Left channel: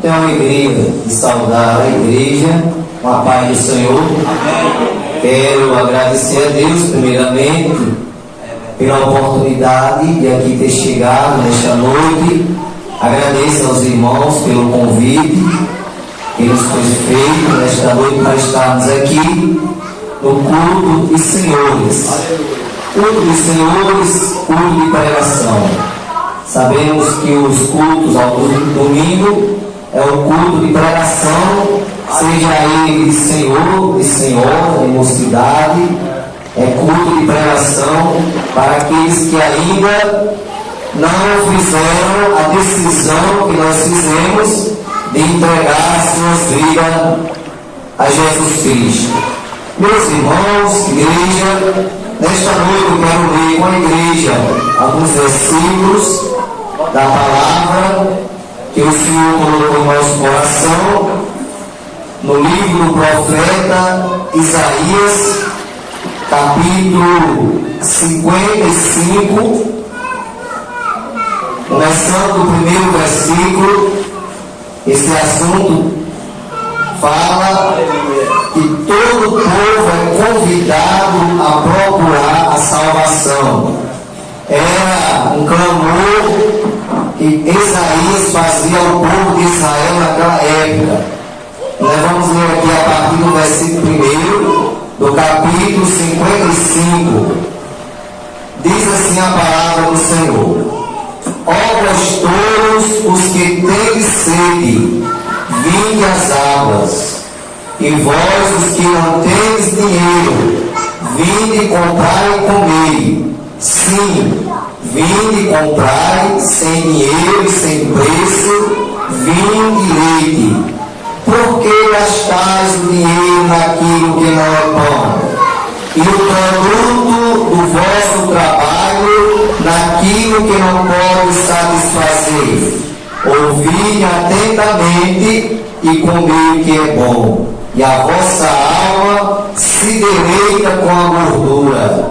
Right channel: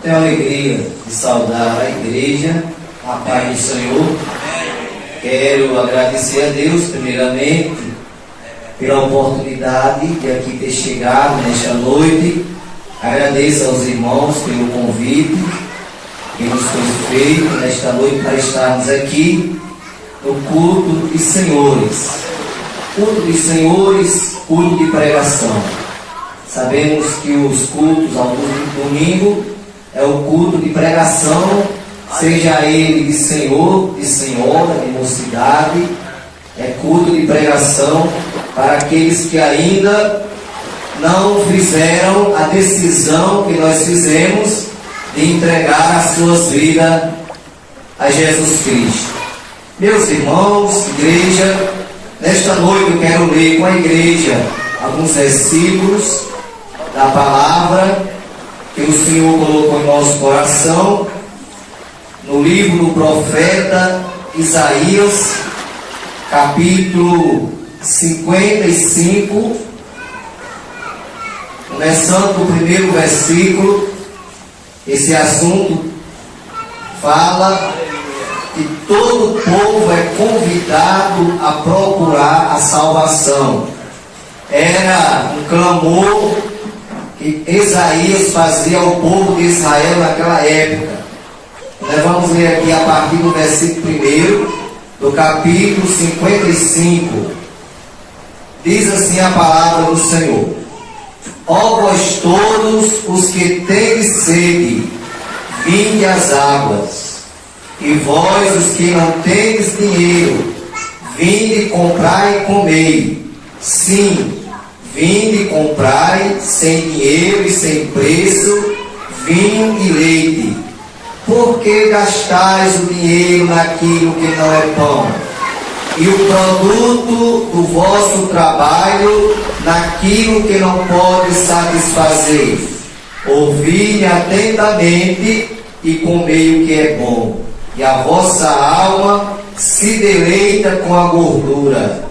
Tenho a alegria de saudar a igreja com a paz do Senhor. Quero agradecer a Deus, primeiramente, pela oportunidade de aqui ter chegado nesta noite. Agradeço aos irmãos pelo convite que nos foi feito nesta noite para estarmos aqui no culto dos senhores. Culto dos senhores, culto de pregação. Sabemos que os cultos ao domingo é o culto de pregação, seja ele de senhor, de senhora, de mocidade. É culto de pregação para aqueles que ainda não fizeram a decisão que nós fizemos de entregar as suas vidas a Jesus Cristo. Meus irmãos, igreja, nesta noite eu quero ler com a igreja alguns versículos da palavra que o Senhor colocou em nosso coração no livro do profeta Isaías, capítulo 55, começando do primeiro versículo. Esse assunto fala que todo o povo é convidado a procurar a salvação. Era um clamor que Isaías fazia ao povo de Israel naquela época. Nós vamos ler aqui a partir do versículo 1 do capítulo 55. Diz assim a palavra do Senhor: ó vós todos os que tendes sede, vinde às águas, e vós os que não tendes dinheiro, vinde comprai e comei. Sim, vinde comprai sem dinheiro e sem preço vinho e leite. Por que gastais o dinheiro naquilo que não é pão, e o produto do vosso trabalho naquilo que não pode satisfazer? Ouvi atentamente e comei o que é bom, e a vossa alma se deleita com a gordura.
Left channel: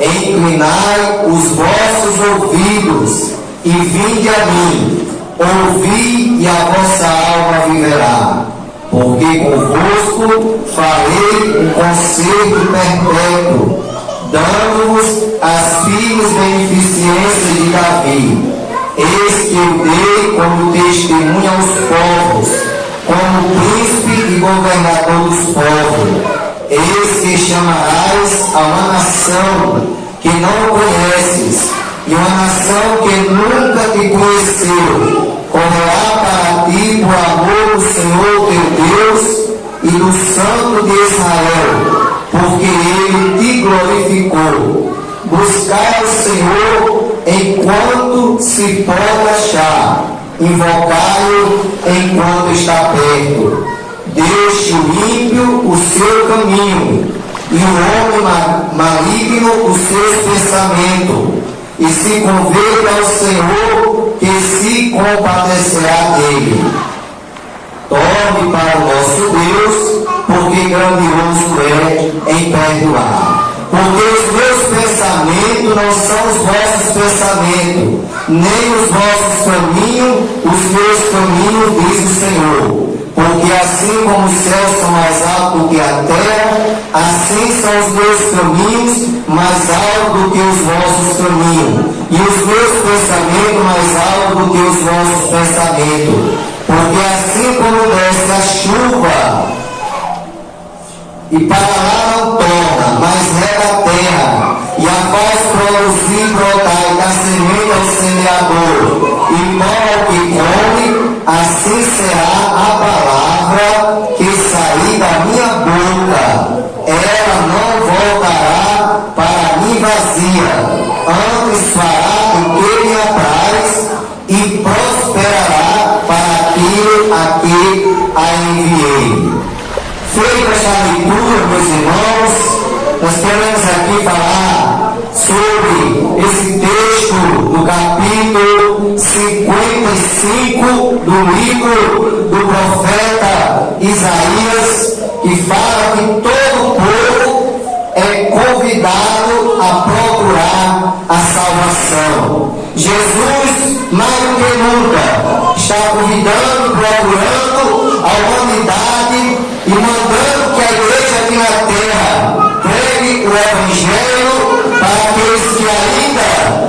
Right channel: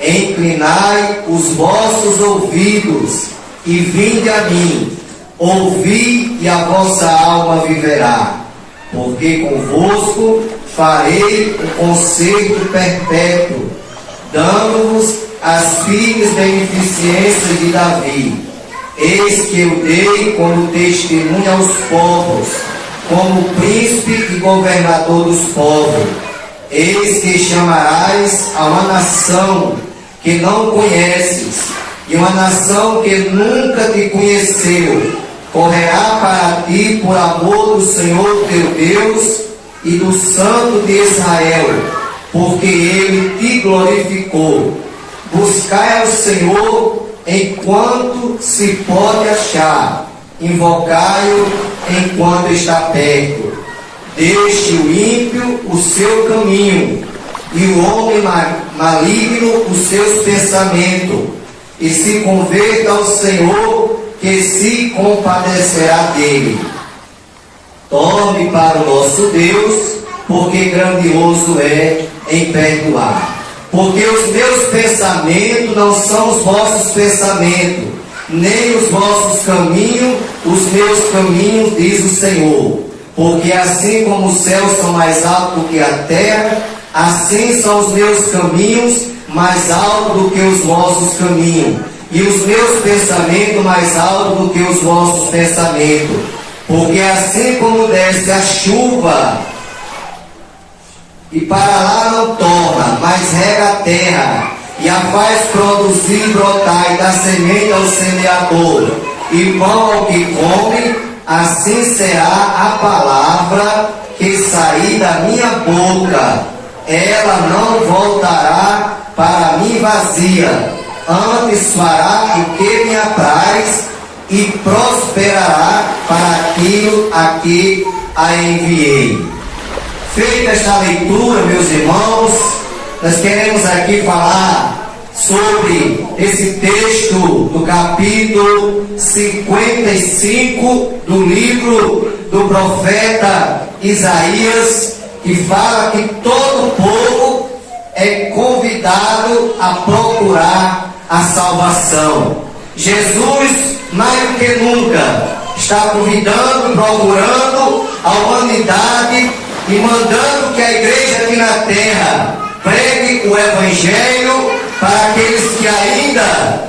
Inclinai os vossos ouvidos e vinde a mim. Ouvi e a vossa alma viverá. Porque convosco farei um concerto perpétuo, dando-vos as filhas beneficências de Davi. Eis que eu dei como testemunha aos povos, como príncipe e governador dos povos. Eis que chamarás a uma nação que não conheces, e uma nação que nunca te conheceu. Correrá para ti por amor do Senhor teu Deus e do Santo de Israel, porque Ele te glorificou. Buscai ao Senhor enquanto se pode achar, invocai-o enquanto está perto. Deixe o ímpio o seu caminho, e o homem maligno os seus pensamentos, e se converta ao Senhor, que se compadecerá dele. Torne para o nosso Deus, porque grandioso é em perdoar. Porque os meus pensamentos não são os vossos pensamentos, nem os vossos caminhos, os meus caminhos, diz o Senhor. Porque assim como os céus são mais altos do que a terra, assim são os meus caminhos mais altos do que os vossos caminhos, e os meus pensamentos mais altos do que os vossos pensamentos. Porque assim como desce a chuva, e para lá não torna, mas rega a terra, e a faz produzir e brotar, e dá semente ao semeador, e pão ao que come, assim será a palavra que sair da minha boca. Ela não voltará para mim vazia, antes fará o que me apraz, e prosperará para aquilo a que a enviei. Feita esta leitura, meus irmãos, nós queremos aqui falar sobre esse texto do capítulo 55 do livro do profeta Isaías, que fala que todo o povo é convidado a procurar a salvação. Jesus, mais do que nunca, está convidando, procurando a humanidade e mandando que a igreja aqui na terra pregue o Evangelho para aqueles que ainda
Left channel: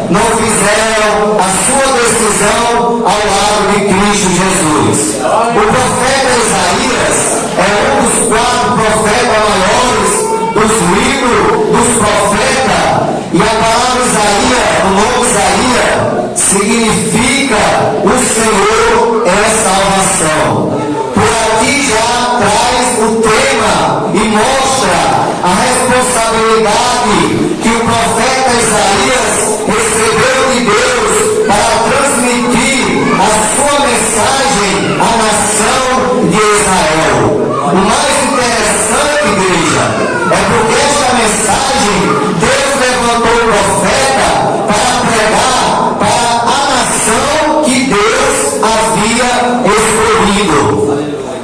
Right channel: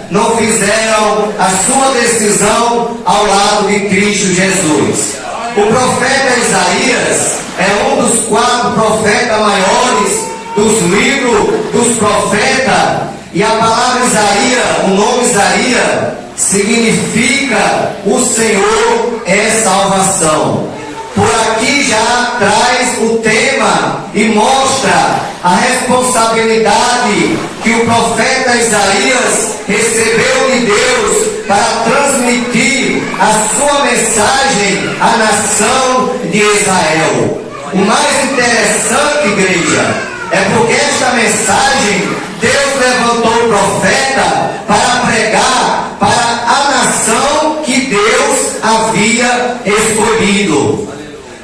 não fizeram a sua decisão ao lado de Cristo Jesus. O profeta Isaías é um dos 4 profetas maiores dos livros dos profetas, e a palavra Isaías, o nome Isaías, significa o Senhor é salvação. Por aqui já traz o tema e mostra a responsabilidade que o profeta Isaías recebeu de Deus para transmitir a sua mensagem à nação de Israel. O mais interessante, igreja, é porque esta mensagem Deus levantou o profeta para pregar para a nação que Deus havia escolhido.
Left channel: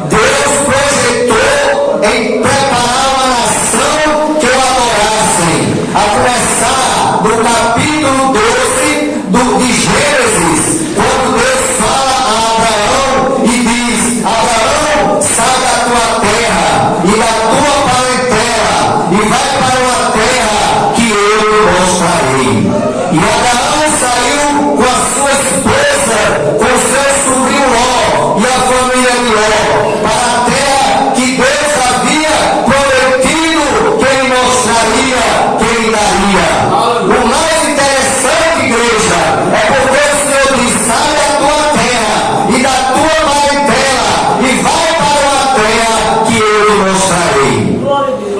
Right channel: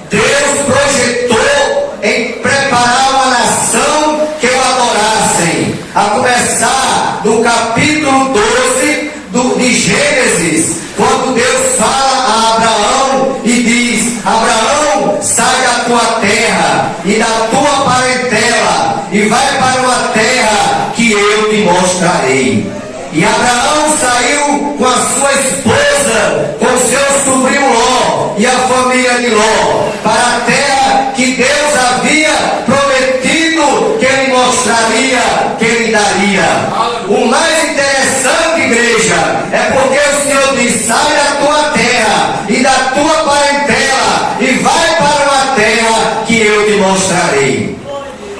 Deus projetou em preparar uma nação que o adorassem, a começar do capítulo 12 de Gênesis, quando Deus fala a Abraão e diz: Abraão, sai da tua terra e da tua parentela e vai para uma terra que eu te mostrarei. E Abraão saiu com a sua esposa, com seu sobrinho Ló e a família de Ló, para a terra que Deus havia prometido que ele mostraria, que ele daria. O mais interessante, igreja, é porque o Senhor diz: sai da tua terra e da tua parentela e vai para uma terra que eu te mostrarei.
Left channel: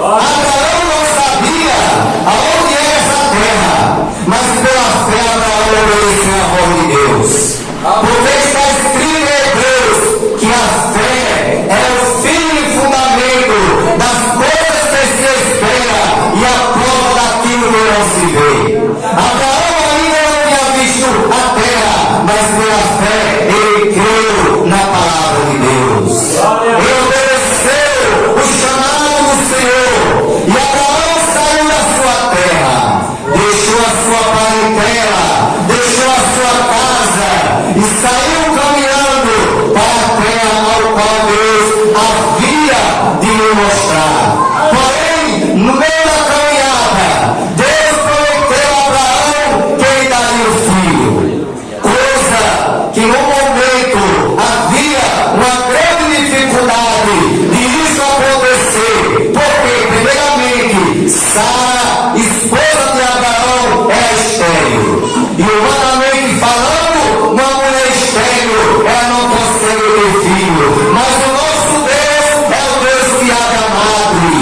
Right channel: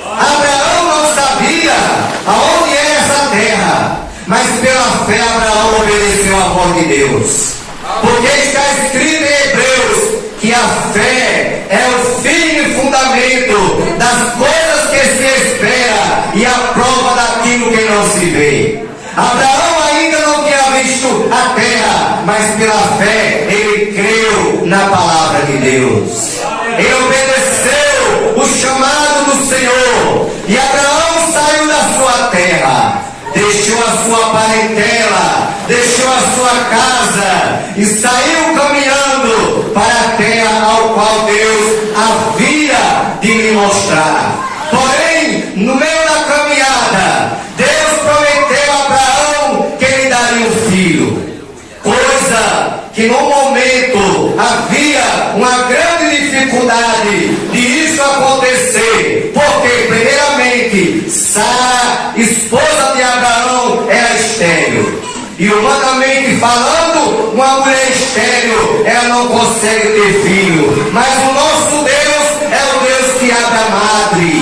Abraão não sabia aonde era essa terra, mas pela fé Abraão obedeceu a voz de Deus. Porque está escrito em Hebreus que a fé é o firme fundamento das coisas que se espera e a prova daquilo que não se vê. Abraão ainda não tinha visto a terra, mas pela fé ele creu na palavra de Deus. Ele obedeceu o chamado do Senhor. E Abraão saiu da sua terra, deixou a sua parentela, deixou a sua casa e saiu caminhando para a terra ao qual Deus havia de lhe mostrar. Porém, no meio da caminhada, Deus prometeu a Abraão que ele daria o filho, coisa que no momento havia uma grande dificuldade de isso acontecer, porque primeiramente Sara, esposa de Abraão, era estéril, e humanamente falando, uma mulher estéril, ela não consegue ter filho, mas o nosso Deus é o Deus que abre a madre,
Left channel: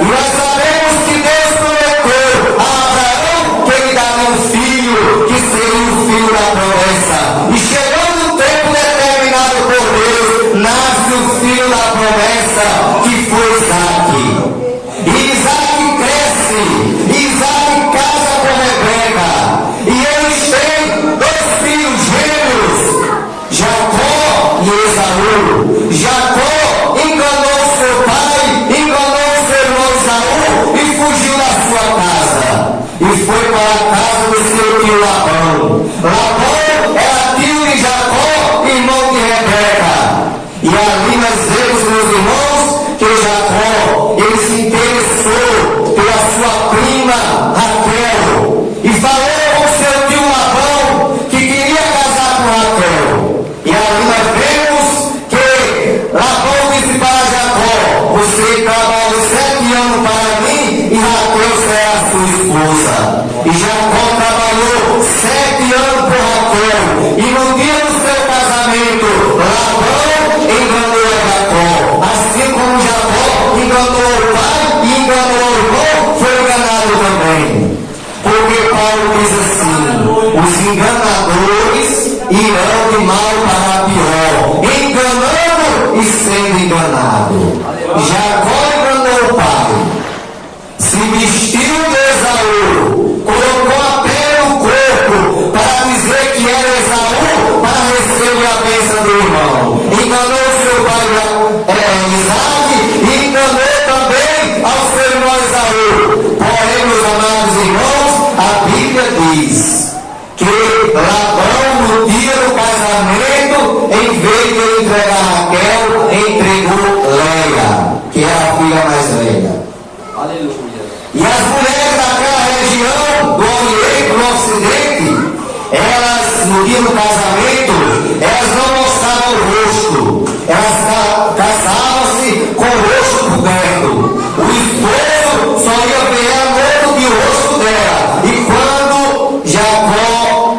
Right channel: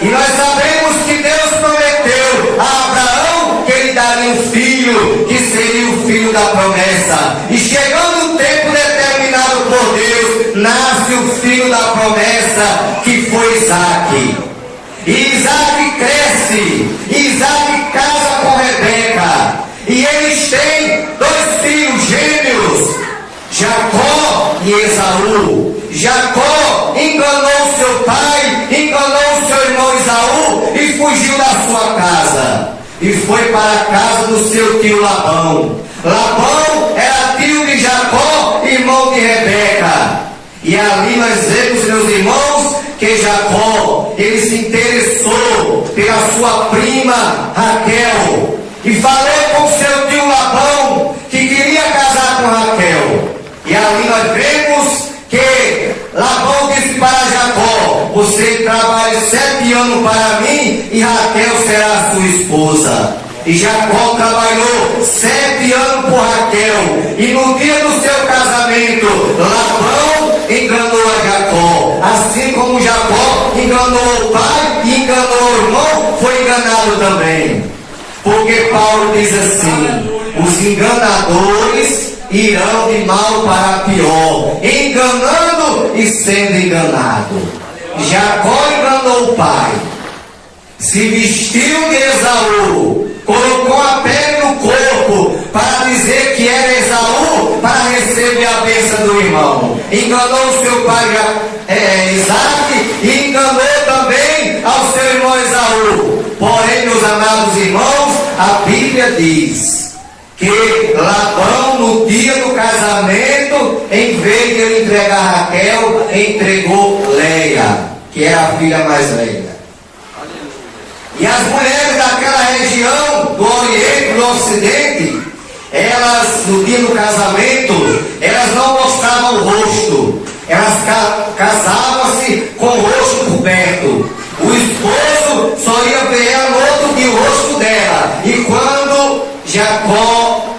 e nós sabemos que Deus prometeu a Abraão que ele daria um filho, que seria o filho da promessa, e chegando o tempo determinado por Deus, nasce o filho da promessa, que foi Isaque. E Isaque cresce, e Isaque casa com Rebeca, e eles têm 2 filhos gêmeos, Jacó e Esaú. Jacó enganou seu pai, enganou seu irmão Esaú e fugiu da sua casa, e foi para a casa do seu tio Labão. Labão era tio de Jacó, irmão de Rebeca. E ali nós vemos, meus irmãos, que Jacó, ele se interessou pela sua prima Raquel, e falou com seu tio Labão que queria casar com Raquel. E ali nós vemos que Labão disse para Jacó: você trabalha 7 anos para mim e Raquel será a sua esposa. E Jacó trabalhou 7 anos por Raquel, e no dia do seu casamento, Labão enganou a Jacó, assim como Jacó enganou o pai e enganou o irmão, foi enganado também. Porque Paulo diz assim: os enganadores irão de mal para pior, enganando e sendo enganado. Jacó enganou o pai, se vestiu de Esaú, colocou a pele no corpo para dizer que era Esaú, para receber a bênção do irmão. Enganou seu pai Isaque e enganou também ao seu irmão Esaú. Porém, meus amados irmãos, a Bíblia diz que Labão, no dia do casamento, filha mais velha. Aleluia. E as mulheres daquela região, do Oriente, do Ocidente, elas, no dia do casamento, elas não mostravam o rosto. Elas casavam-se com o rosto coberto. O esposo só ia ver a noite que o rosto dela. E quando Jacó,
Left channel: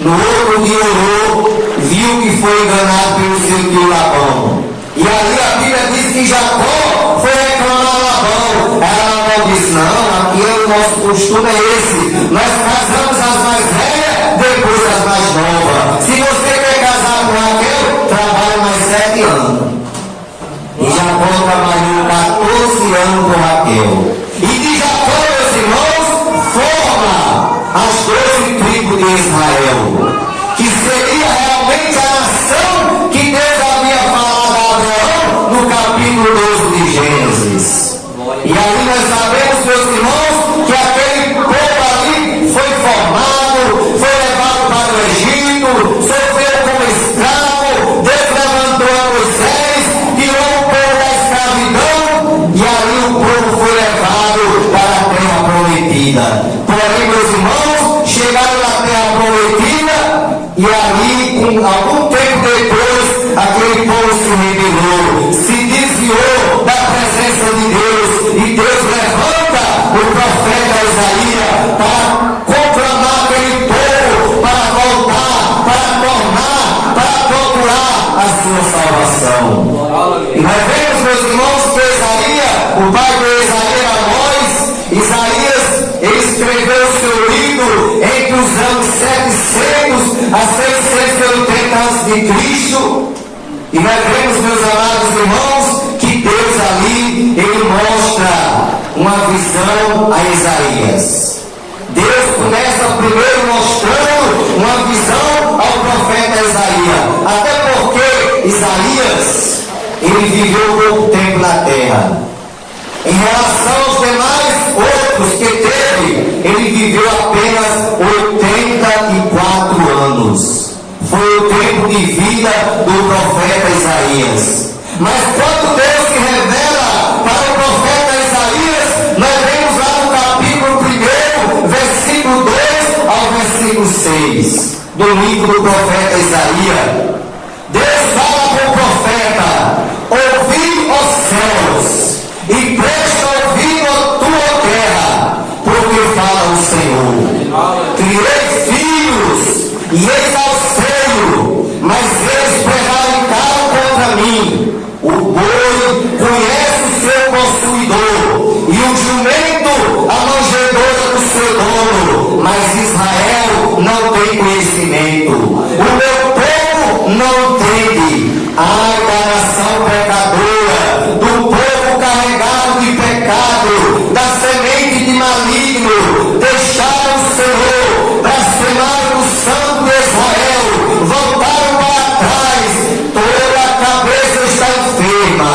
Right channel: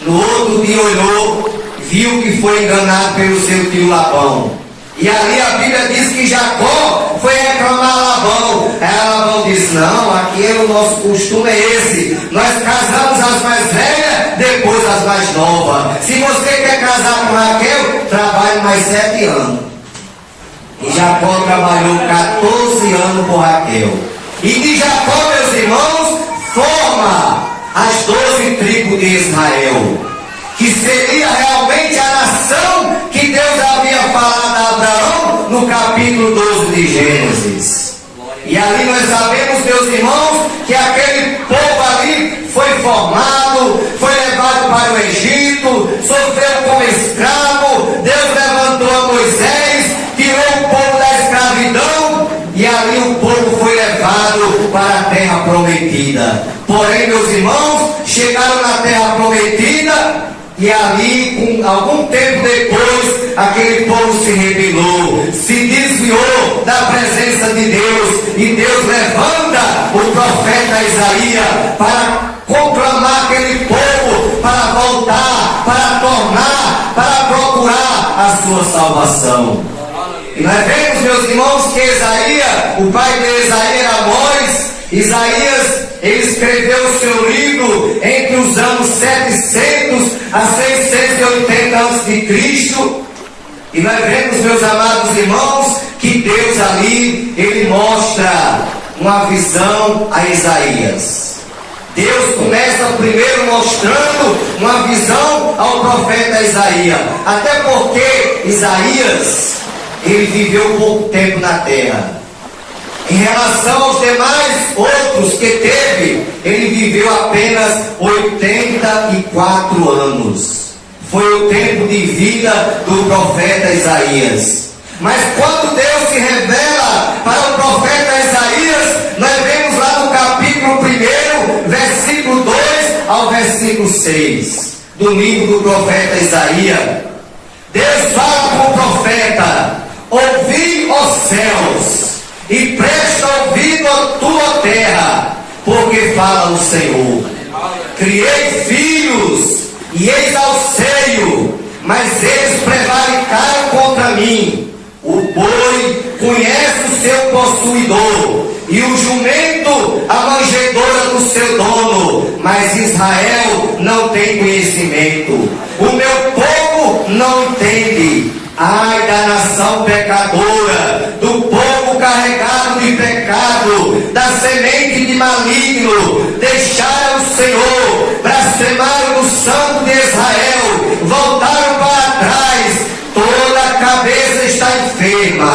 no outro dia orou, viu que foi enganado pelo seu tio Labão. E ali a Bíblia diz que Jacó foi reclamar Labão. Labão disse: não, aqui o nosso costume é esse. Nós casamos as mais velhas, depois as mais novas. Se você quer casar com Raquel, trabalhe mais 7 anos. E Jacó trabalhou 14 anos com Raquel. E de Jacó, meus irmãos, forma as 12 tribos de Israel, que seria realmente a nação que Deus havia falado a Abraão no capítulo 12 de Gênesis. E ali nós sabemos, meus irmãos, que aquele povo ali foi formado, foi levado para o Egito, sofreu como escravo. Deus levantou a Moisés, tirou o povo da escravidão, e ali o povo foi levado para a terra prometida. Porém, meus irmãos, chegaram na terra prometida, e ali, algum tempo depois, aquele povo se rebelou, se desviou da presença de Deus, e Deus levanta o profeta Isaías para conclamar aquele povo, para voltar, para tornar, para procurar a sua salvação. E nós vemos, meus irmãos, que Isaías, o pai de Isaías era Amós. Isaías, ele escreveu o seu livro entre os anos 700 a 680 a.C. E nós vemos, meus amados irmãos, que Deus ali, ele mostra uma visão a Isaías. Deus começa primeiro mostrando uma visão ao profeta Isaías. Até porque Isaías, ele viveu pouco tempo na terra. Em relação aos demais outros que teve, ele viveu apenas 84 anos. Foi o tempo de vida do profeta Isaías. Mas quando Deus se revela para o profeta Isaías, nós vemos lá no capítulo 1, versículo 2 ao versículo 6, do livro do profeta Isaías. Deus fala para o profeta: ouvi os céus, e presta ouvido a tua terra, porque fala o Senhor. Criei filhos, e eis ao seio, mas eles prevaricaram contra mim. O boi conhece o seu possuidor, e o jumento a manjedoura do seu dono, mas Israel não tem conhecimento. O meu povo não entende. Ai da nação pecadora, do povo carregado de pecado, da semente de maligno. Deixaram o Senhor, blasfemaram o Santo de Israel, voltaram para trás. Toda a cabeça está enferma,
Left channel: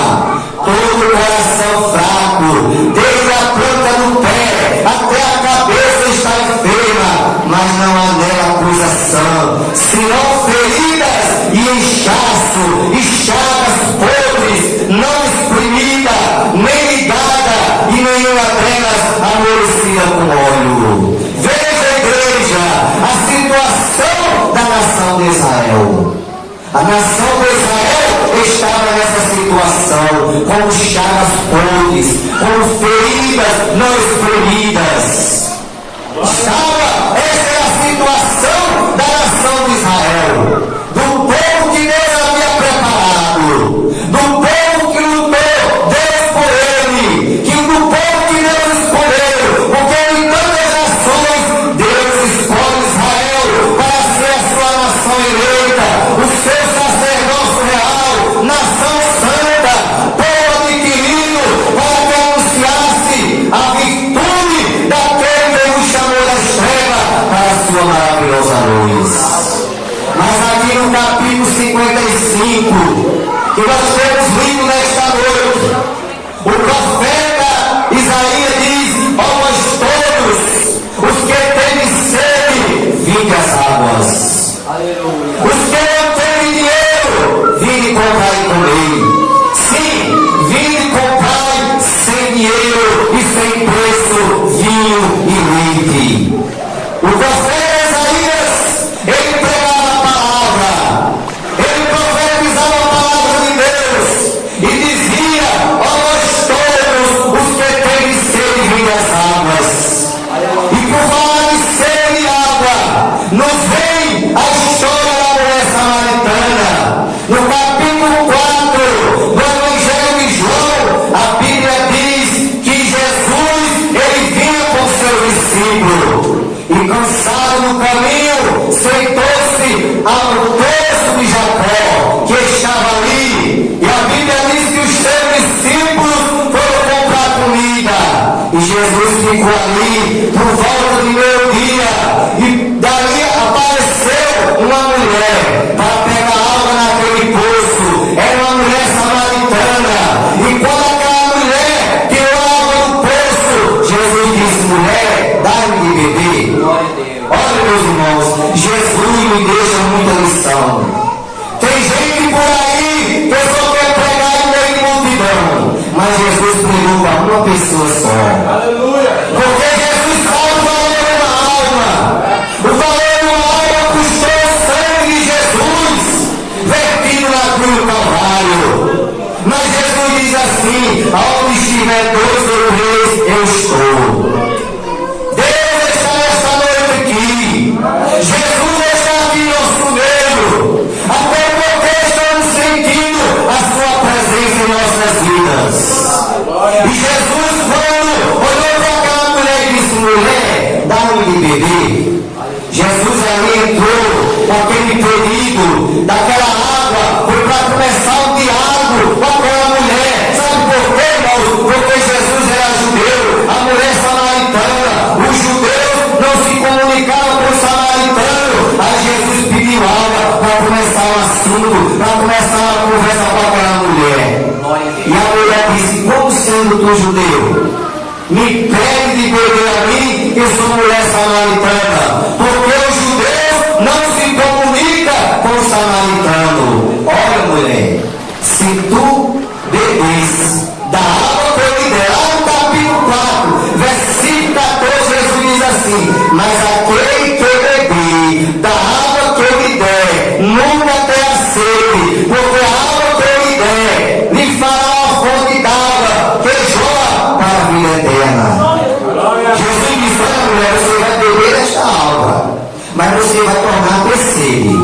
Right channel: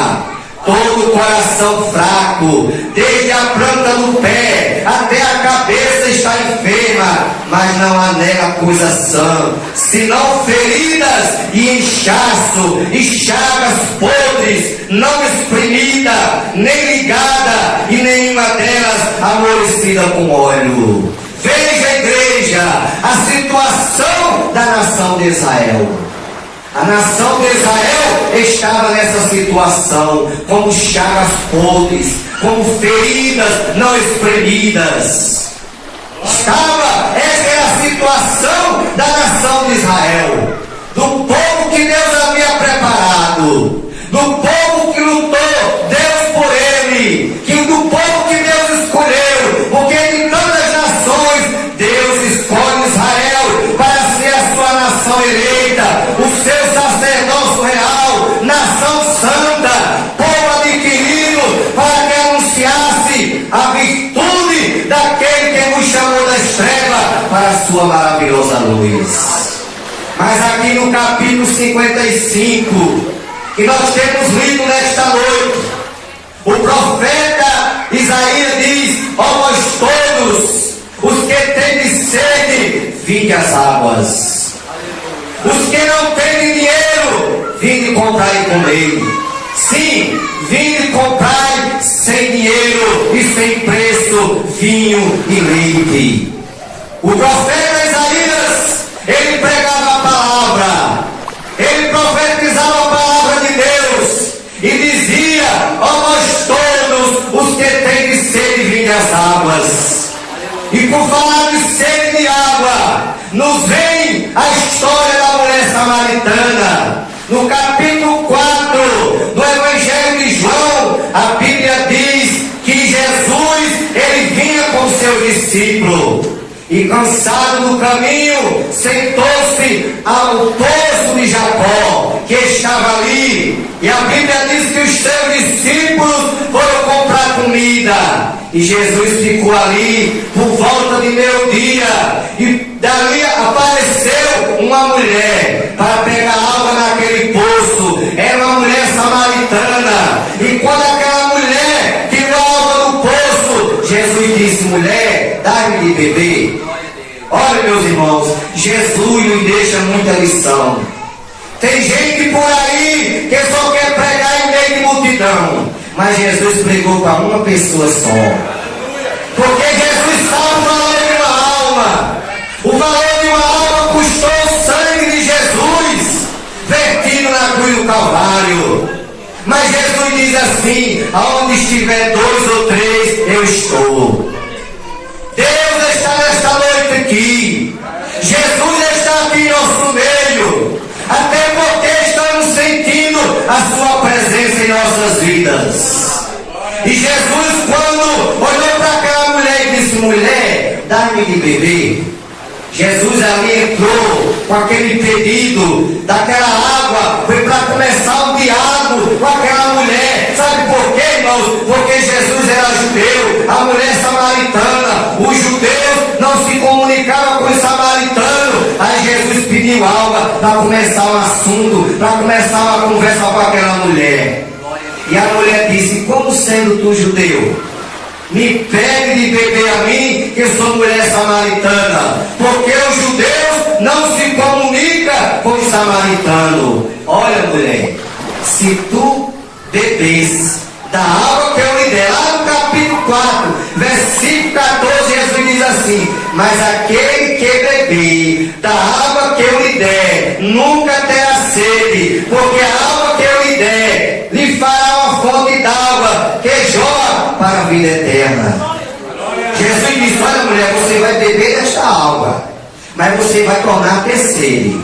todo o coração fraco, desde a planta do pé até a cabeça está enferma, mas não há nela coisa sã, senão feridas e inchaço, e chagas podres, não exprimida, nem ligada, e nenhuma delas amolecida com óleo. Veja, igreja, a situação da nação de Israel. A nação de Israel estava nessa situação, como chagas podres, como feridas não espremidas. Essa era a situação da nação de Israel, do povo que Deus havia preparado, do povo que lutou Deus por ele, do povo que Deus escolheu, porque em todas as nações Deus escolhe Israel para ser a sua nação eleita, o seu sacerdócio real, nação santa, povo adquirido, para que anunciasse a virtude daquele que nos chamou das trevas para a sua maravilhosa luz. Mas aqui no capítulo 55, que nós temos lido nesta noite, o profeta Isaías diz: ó vós todos, os que têm sede, vinde às águas. Aleluia. Os que não têm dinheiro, vinde comprar e comer. Sim, vinde comprar Tem gente por aí que só quer pregar em meio de multidão, mas Jesus pregou para uma pessoa só. Porque Jesus sabe o valor de uma alma. O valor de uma alma custou o sangue de Jesus, vertido na cruz do Calvário. Mas Jesus diz assim: aonde estiver 2 ou 3, eu estou. Deus está nesta noite aqui. Jesus está aqui em nosso meio. Até porque estamos sentindo a sua presença em nossas vidas. E Jesus, quando olhou para aquela mulher e disse: mulher, dá-me de beber. Jesus ali entrou com aquele pedido daquela água, foi para começar o diálogo com aquela mulher. Sabe por quê, irmãos? Porque Jesus era judeu, a mulher samaritana. Os judeus não se comunicavam com os samaritanos. Aí Jesus pediu água para começar o assunto, para começar uma conversa com aquela mulher. E a mulher disse: como sendo tu judeu, me pede de beber a mim, que sou mulher samaritana? Porque os judeus não se comunicam com o samaritano. Olha, mulher, se tu bebes da água que eu lhe der, lá no capítulo 4, versículo 14, Jesus diz assim: mas aquele que beber da água que eu lhe der, nunca terá sede, porque a água que eu lhe der lhe fará uma fonte d'água que jorra para a vida eterna. Jesus diz: olha, mulher, você vai beber esta água, mas você vai tornar a ter sede.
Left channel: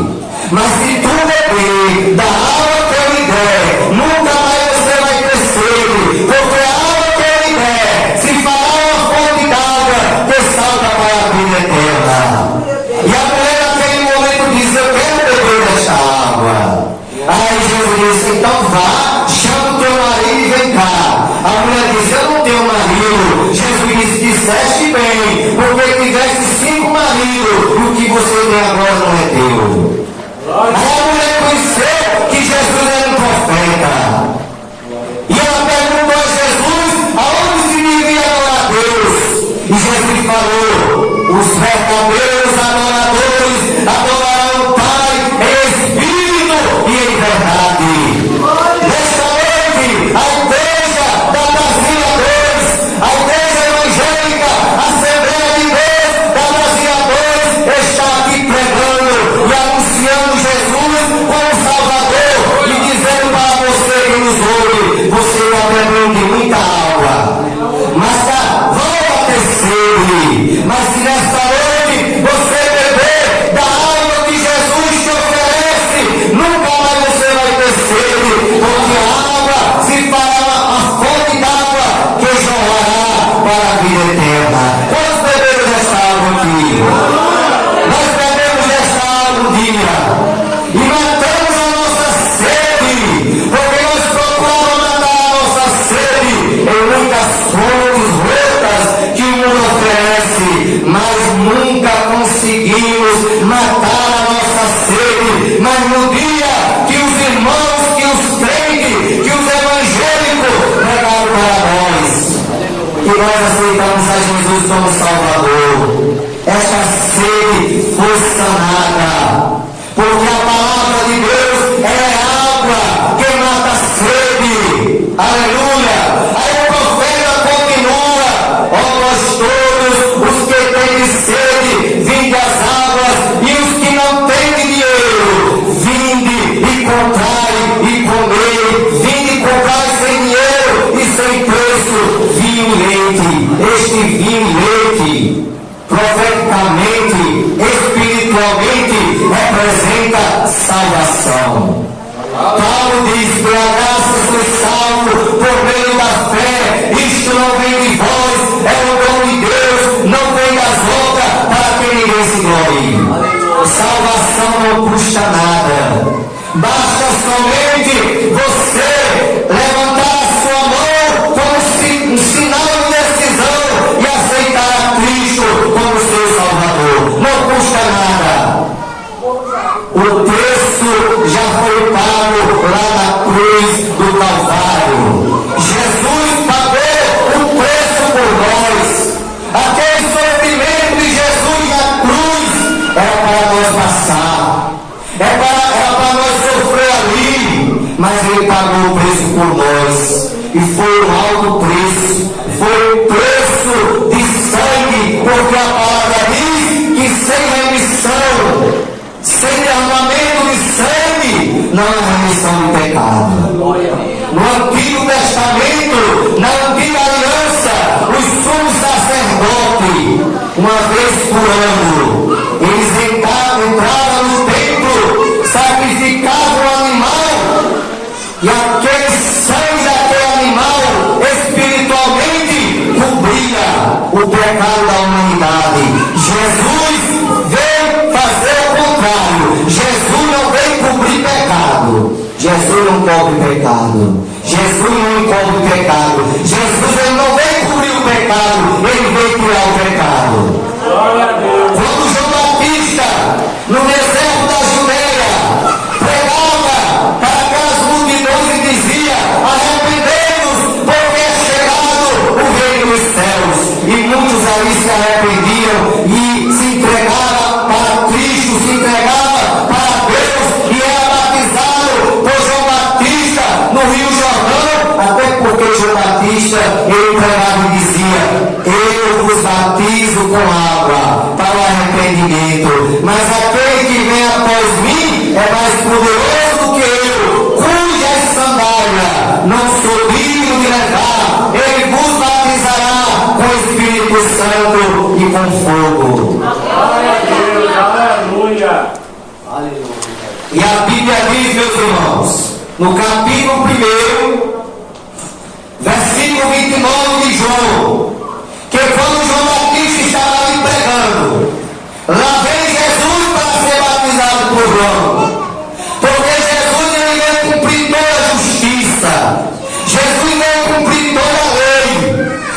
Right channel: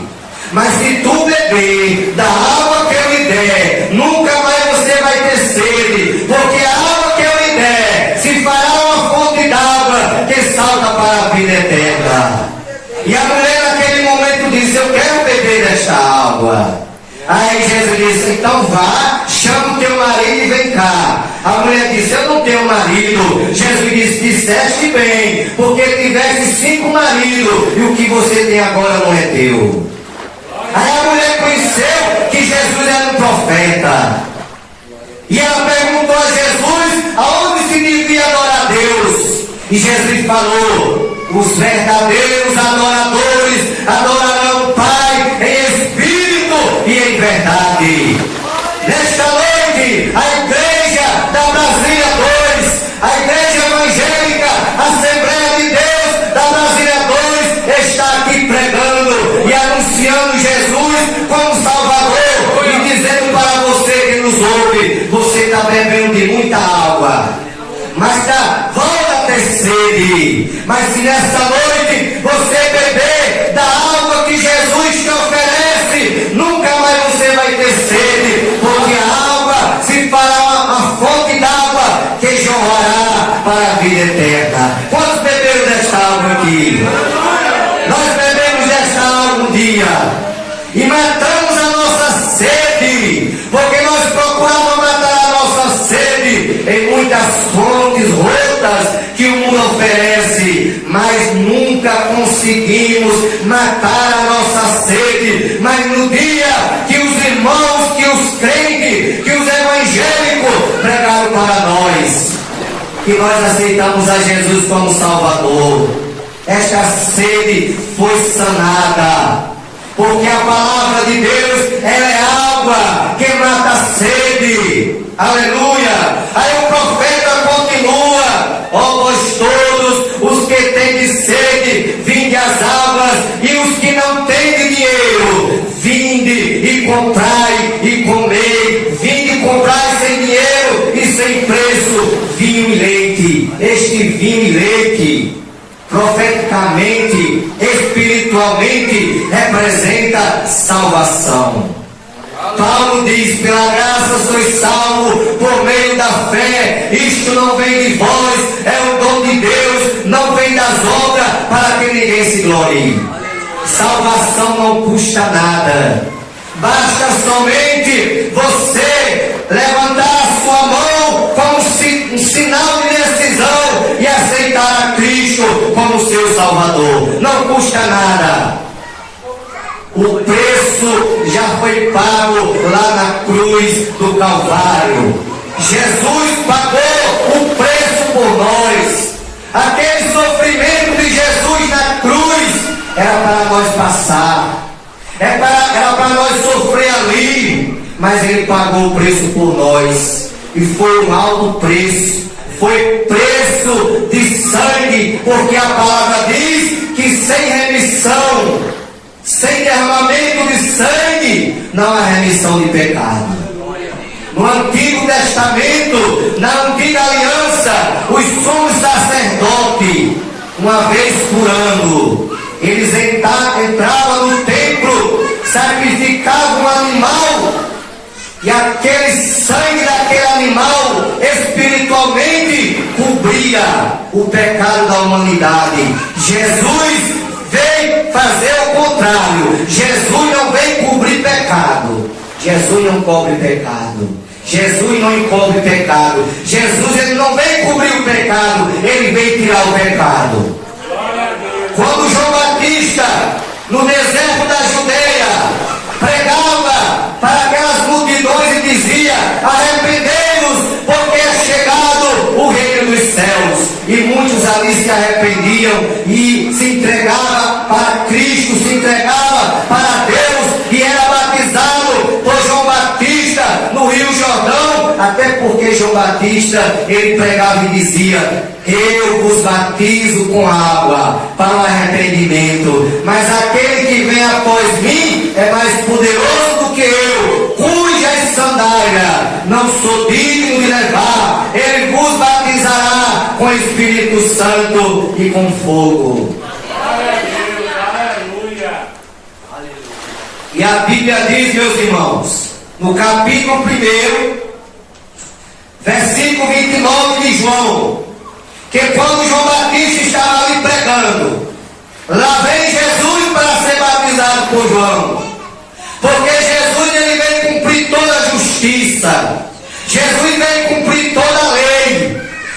Mas se tu beber da água que eu lhe der, nunca mais você vai ter sede, porque a água que eu lhe der se fará uma fonte d'água que salta para a vida eterna. E a mulher naquele momento diz: eu quero beber desta água. Aí Jesus disse: então vá, chama o teu marido e vem cá. A mulher disse: eu não tenho marido. Jesus disse: disseste bem, porque tiveste 5 maridos, e o que você tem agora não é teu. Aí a mulher conheceu que Jesus era um profeta. E ela perguntou a Jesus aonde se devia adorar a Deus. E Jesus falou: os verdadeiros adoradores adorarão o Pai em espírito e em verdade. Nesta noite, a igreja da Brasília 2, a igreja evangélica, a Assembleia de Deus da Brasília 2, está aqui pregando e anunciando Jesus como Salvador e dizendo para você que nos ouve: você está bebendo de muita água, mas volta a ter sede. Mas se nessa noite você beber da água que Jesus te oferece, nunca mais você vai ter sede, porque a água se fará a fonte d'água que jorrará para a vida eterna. Quantos beberam desta água aqui? Nós bebemos desta água um dia e matamos a nossa sede, porque nós procuramos matar a nossa sede em muitas fontes rotas que o mundo oferece, mas nunca conseguimos matar a nossa sede. Mas no dia que os irmãos, que os crentes, que os evangélicos pregaram para nós, que nós aceitamos a Jesus como Salvador, esta sede foi sanada, porque a palavra de Deus é água que mata a sede. Aleluia! Aí o profeta continua: ó vós todos os que têm sede, vinde às águas, e os que não têm dinheiro, vinde e comprai e comei, vinde e comprai sem dinheiro e sem preço vinho e leite. Este vinho e leite, profeticamente, espiritualmente, representa salvação. Paulo diz: pela graça sois salvos por meio da fé. Isto não vem de vós, é o dom de Deus, não vem das obras, para que ninguém se glorie. Salvação não custa nada. Basta somente você levantar a sua mão como um sinal de decisão e aceitar a Cristo como seu Salvador. Não custa nada. O preço já foi pago lá na cruz do Calvário. Jesus pagou o preço por nós. Aquele sofrimento de Jesus na cruz era para nós passar, era para nós sofrer mas Ele pagou o preço por nós. E foi um alto preço, foi preço de sangue, porque a palavra diz que sem remissão, sem derramamento de sangue, não há remissão de pecado. No Antigo Testamento, na Antiga Aliança, os sumos sacerdotes, uma vez por ano, eles entravam no templo, sacrificavam o animal, e aquele sangue daquele animal espiritualmente cobria o pecado da humanidade. Jesus veio fazer o contrário. Jesus não veio cobrir pecado. Jesus não cobre pecado. Jesus não encobre pecado. Jesus ele não veio cobrir o pecado, ele veio tirar o pecado. Quando João Batista, no deserto da Judeia, pregava para aquelas multidões e dizia: arrependei-vos, porque é chegado o reino dos céus. E muitos ali se arrependiam e se entregavam para Cristo, se entregavam para Deus, e era batizado por João Batista no Rio Jordão, até porque João Batista ele pregava e dizia: eu vos batizo com água para o arrependimento, mas aquele que vem após mim é mais poderoso do que eu, cujas sandálias não sou digno de levar. Ele vos batizará com o Espírito Santo e com fogo. Aleluia. E a Bíblia diz, meus irmãos, no capítulo 1, versículo 29 de João, que quando João Batista estava ali pregando, lá vem Jesus para ser batizado por João, porque Jesus ele veio cumprir toda a justiça, Jesus veio cumprir toda a lei.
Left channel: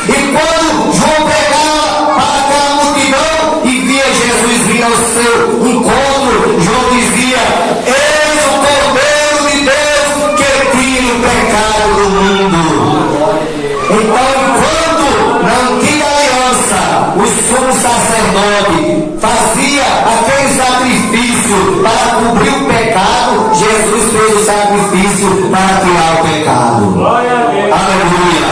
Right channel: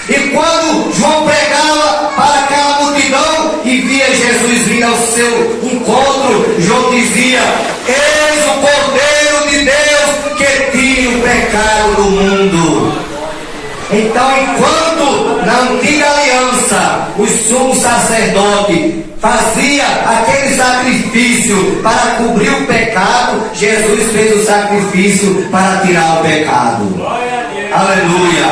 E quando João pregava para aquela multidão e via Jesus vir ao seu encontro, João dizia: eis o Cordeiro de Deus que tira o pecado do mundo. Então, enquanto na Antiga Aliança o sumo sacerdote fazia aquele sacrifício para cobrir o pecado, Jesus fez o sacrifício para tirar o pecado. Aleluia.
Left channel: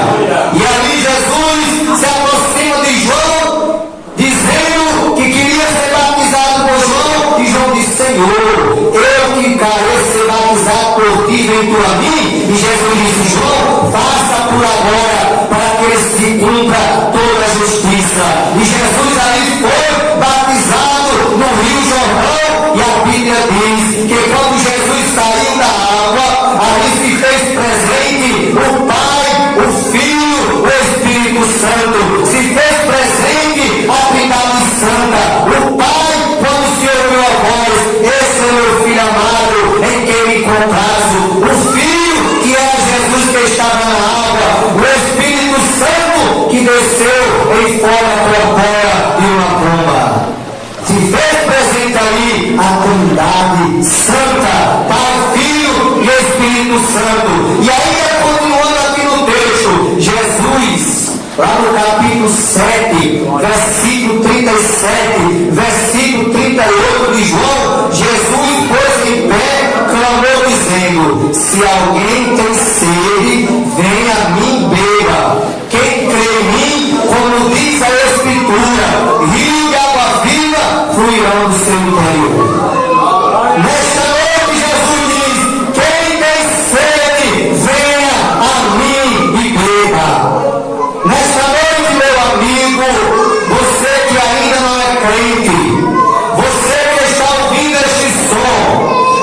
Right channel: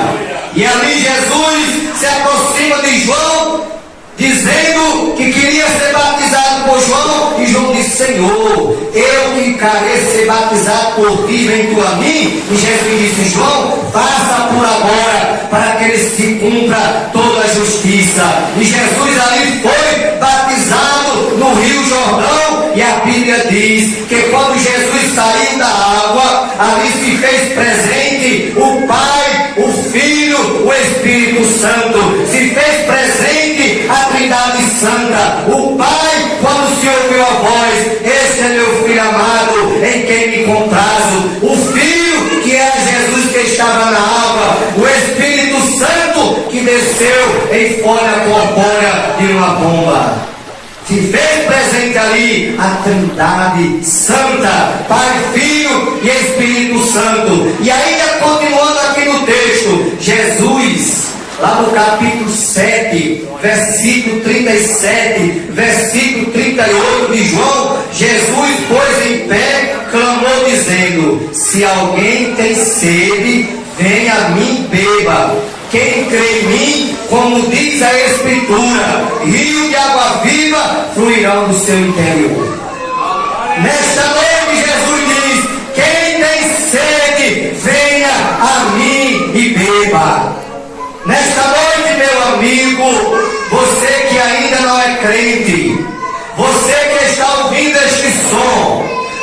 E ali Jesus se aproxima de João, dizendo que queria ser batizado por João, e João disse: Senhor, eu que careço ser batizado por ti, vem tu a mim? E Jesus disse: João, faça por agora, para que eles se cumpra toda a justiça. E Jesus ali foi batizado no Rio Jordão, e a Bíblia diz que quando Jesus saiu da água, ali se fez presente o Pai, o Filho, o Espírito Santo. Se fez presente a Trindade Santa. O Pai, quando se ouviu a voz: esse é meu Filho amado, em quem me comprazo. O Filho, que era Jesus que estava na água. O Espírito Santo, que desceu em forma corpórea de uma pomba. Se fez presente ali a Trindade Santa, Pai, Filho e Espírito Santo. E ainda continuando aqui no texto, Jesus, lá no capítulo 7, versículo 37, versículo 38 de João, Jesus pôs em pé, clamou dizendo: se alguém tem sede, venha a mim, beba. Quem crê em mim, como diz a Escritura, rio de água viva fluirão do seu interior. Nesta noite Jesus diz: quem tem sede, venha a mim e beba. Nesta noite, meu amigo, você que ainda não é crente, você que está ouvindo este som,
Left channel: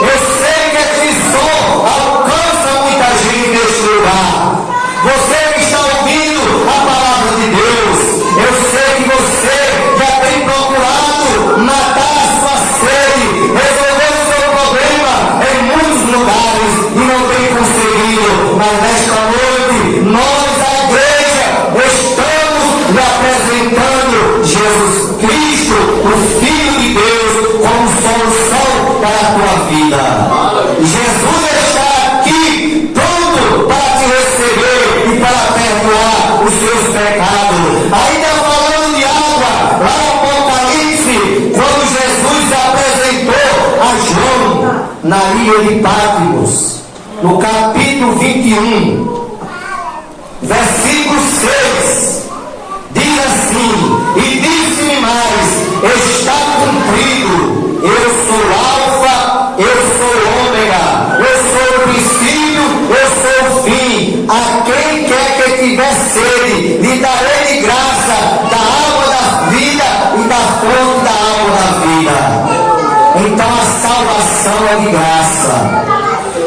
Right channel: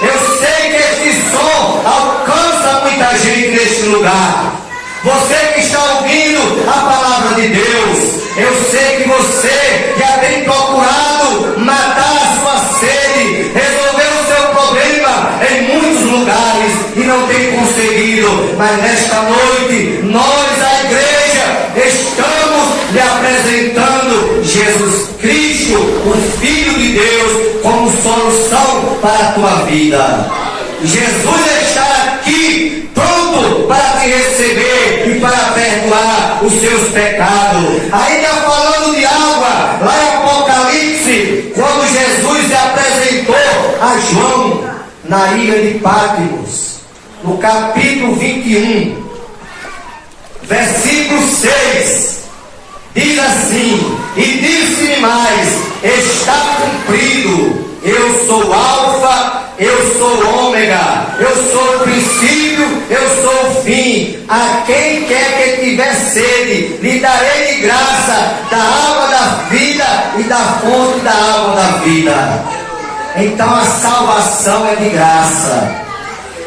eu sei que este som alcança muita gente neste lugar. Você que está ouvindo a palavra de Deus, eu sei que você já tem procurado matar a sua sede, resolver o seu problema em muitos lugares e não tem conseguido. Mas nesta noite, nós, a igreja, estamos lhe apresentando Jesus Cristo, o Filho de Deus, como solução para a tua vida. Jesus está aqui pronto para te receber e para perdoar os seus pecados. Ainda falando de água, lá em Apocalipse, quando Jesus se apresentou a João na ilha de Patmos, no capítulo 21, versículo 6, diz assim: e disse-me mais, está cumprido, eu sou Alfa, eu sou Ômega, eu sou o princípio, eu sou o fim. A quem quer que tiver sede, lhe darei de graça da água da vida e da fonte da água da vida. Então a salvação é de graça.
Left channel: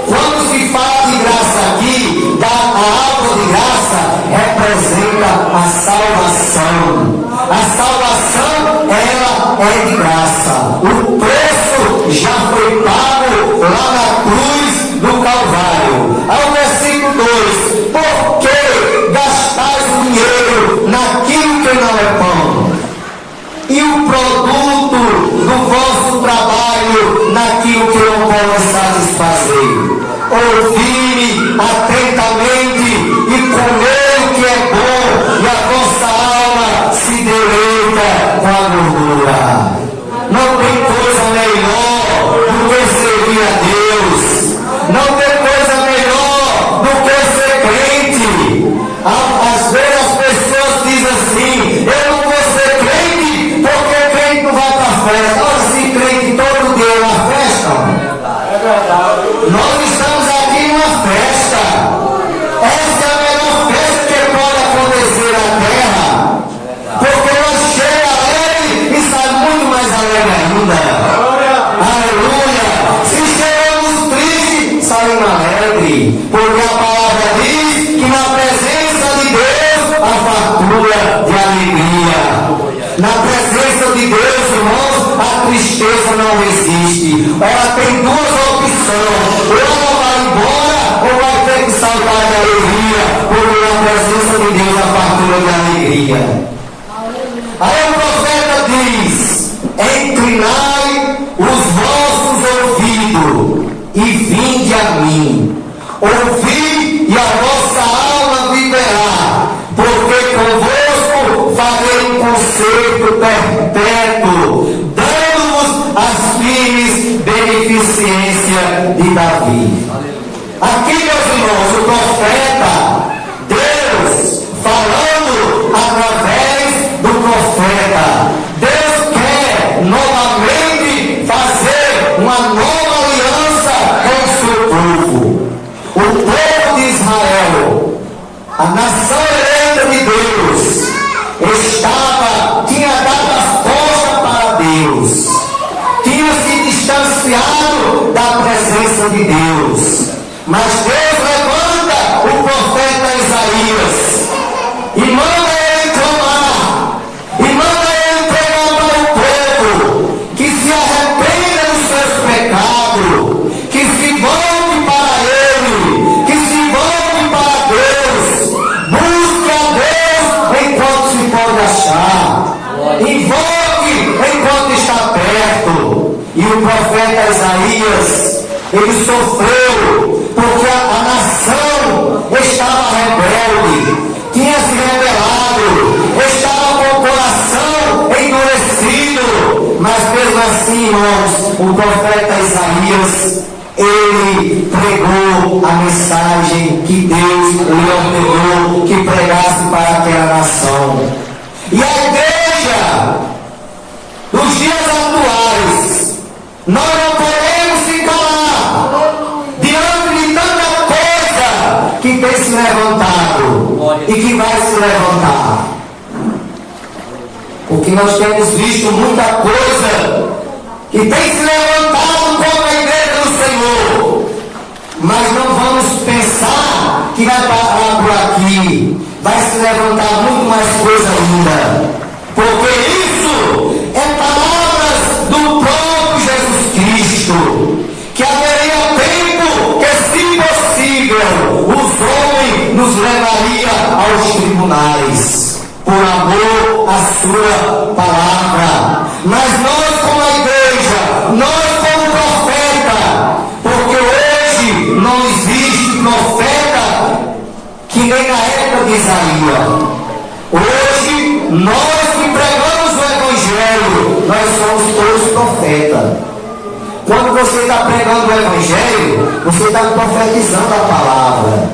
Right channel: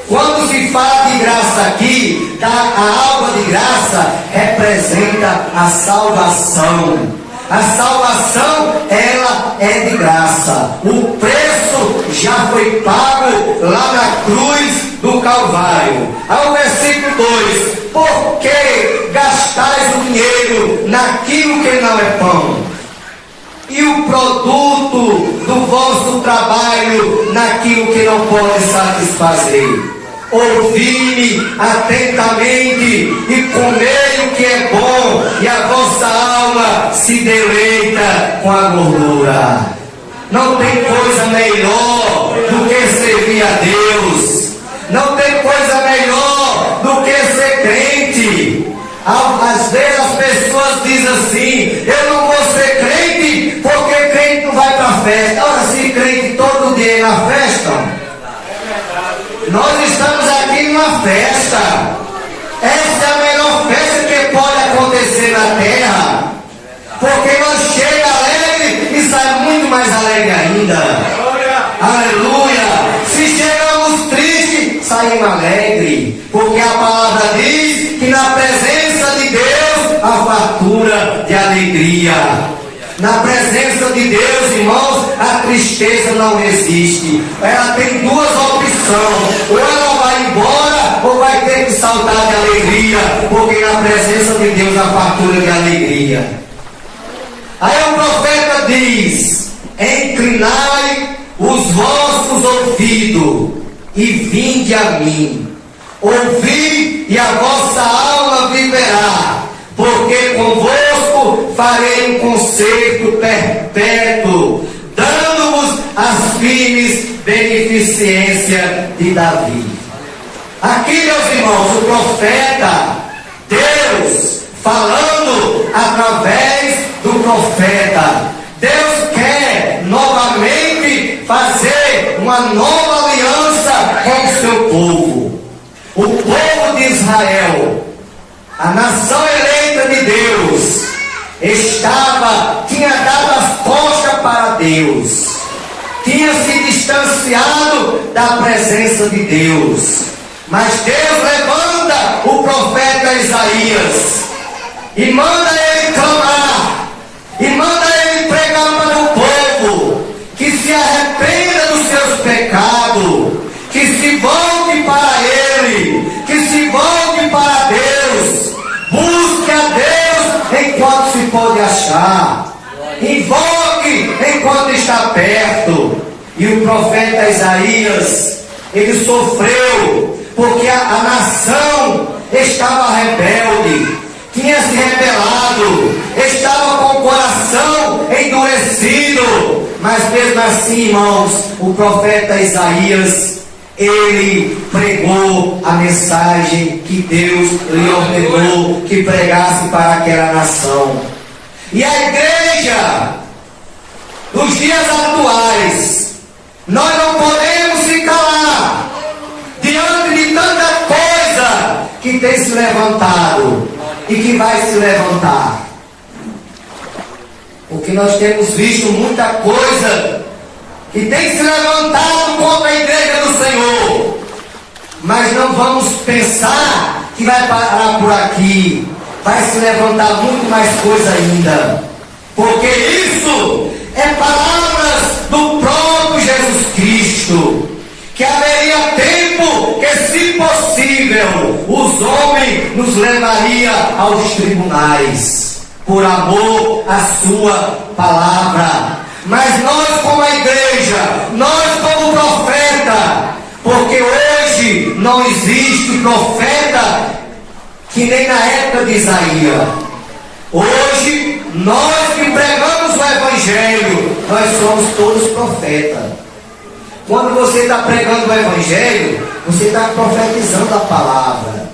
Quando se fala de graça aqui, a água de graça representa a salvação. A salvação, ela é de graça. O preço já foi pago lá na cruz do Calvário. Ao versículo 2: por que gastais o dinheiro naquilo que não é pão? E o produto do vosso trabalho naquilo que não pode satisfazer? Ouvi-me atentamente e comei o que é bom, e a vossa alma se deleita com a gordura. Não tem coisa melhor do que servir a Deus. Não tem coisa melhor do que ser crente. Às vezes as pessoas dizem assim: eu não vou ser crente porque crente não vai para a festa. Ora, se crente todo dia é uma festa. Nós estamos aqui numa festa. Essa é a melhor festa que pode acontecer na terra, porque nós chega alegre e sai muito mais alegre ainda. Aleluia! Se chegamos tristes, saímos alegres, porque a palavra diz que na presença de Deus há fartura de alegria. Na presença de Deus, irmãos, a tristeza não existe. Ela tem duas opções: ou ela vai embora, ou vai ter que saltar de alegria, porque na presença de Deus há fartura de alegria. Aí o profeta diz: inclinai os vossos ouvidos e vinde a mim. Ouvi e a vossa alma viverá, porque convosco farei um concerto perpétuo, dando-vos as firmes beneficências de Davi. Aqui, meus irmãos, o profeta, Deus falando através do profeta. Deus quer novamente fazer uma nova aliança com o seu povo. O povo de Israel, a nação eleita de Deus, tinha dado as costas para Deus, tinha se distanciado da presença de Deus. Mas Deus levanta o profeta Isaías e manda ele clamar, e manda ele pregar para o povo que se arrependa dos seus pecados, que se volte para ele, que se volte para Deus, busque a Deus enquanto se pode achar, invoque enquanto está perto. E o profeta Isaías, ele sofreu porque a nação estava rebelde, tinha se rebelado, estava com o coração endurecido. Mas mesmo assim, irmãos, o profeta Isaías, ele pregou a mensagem que Deus lhe ordenou que pregasse para aquela nação. E a igreja, nos dias atuais, nós não podemos se calar diante de tanta coisa que tem se levantado e que vai se levantar. Porque nós temos visto muita coisa que tem se levantado contra a igreja do Senhor. Mas não vamos pensar que vai parar por aqui. Vai se levantar muito mais coisa ainda. Porque isso é palavras do próprio Jesus Cristo. Que haveria tempo que, se possível, os homens nos levaria aos tribunais, por amor à sua palavra. Mas nós, como a igreja, nós como profeta, porque hoje não existe profeta que nem na época de Isaías. Hoje, nós que pregamos o Evangelho, nós somos todos profetas. Quando você está pregando o Evangelho, você está profetizando a palavra.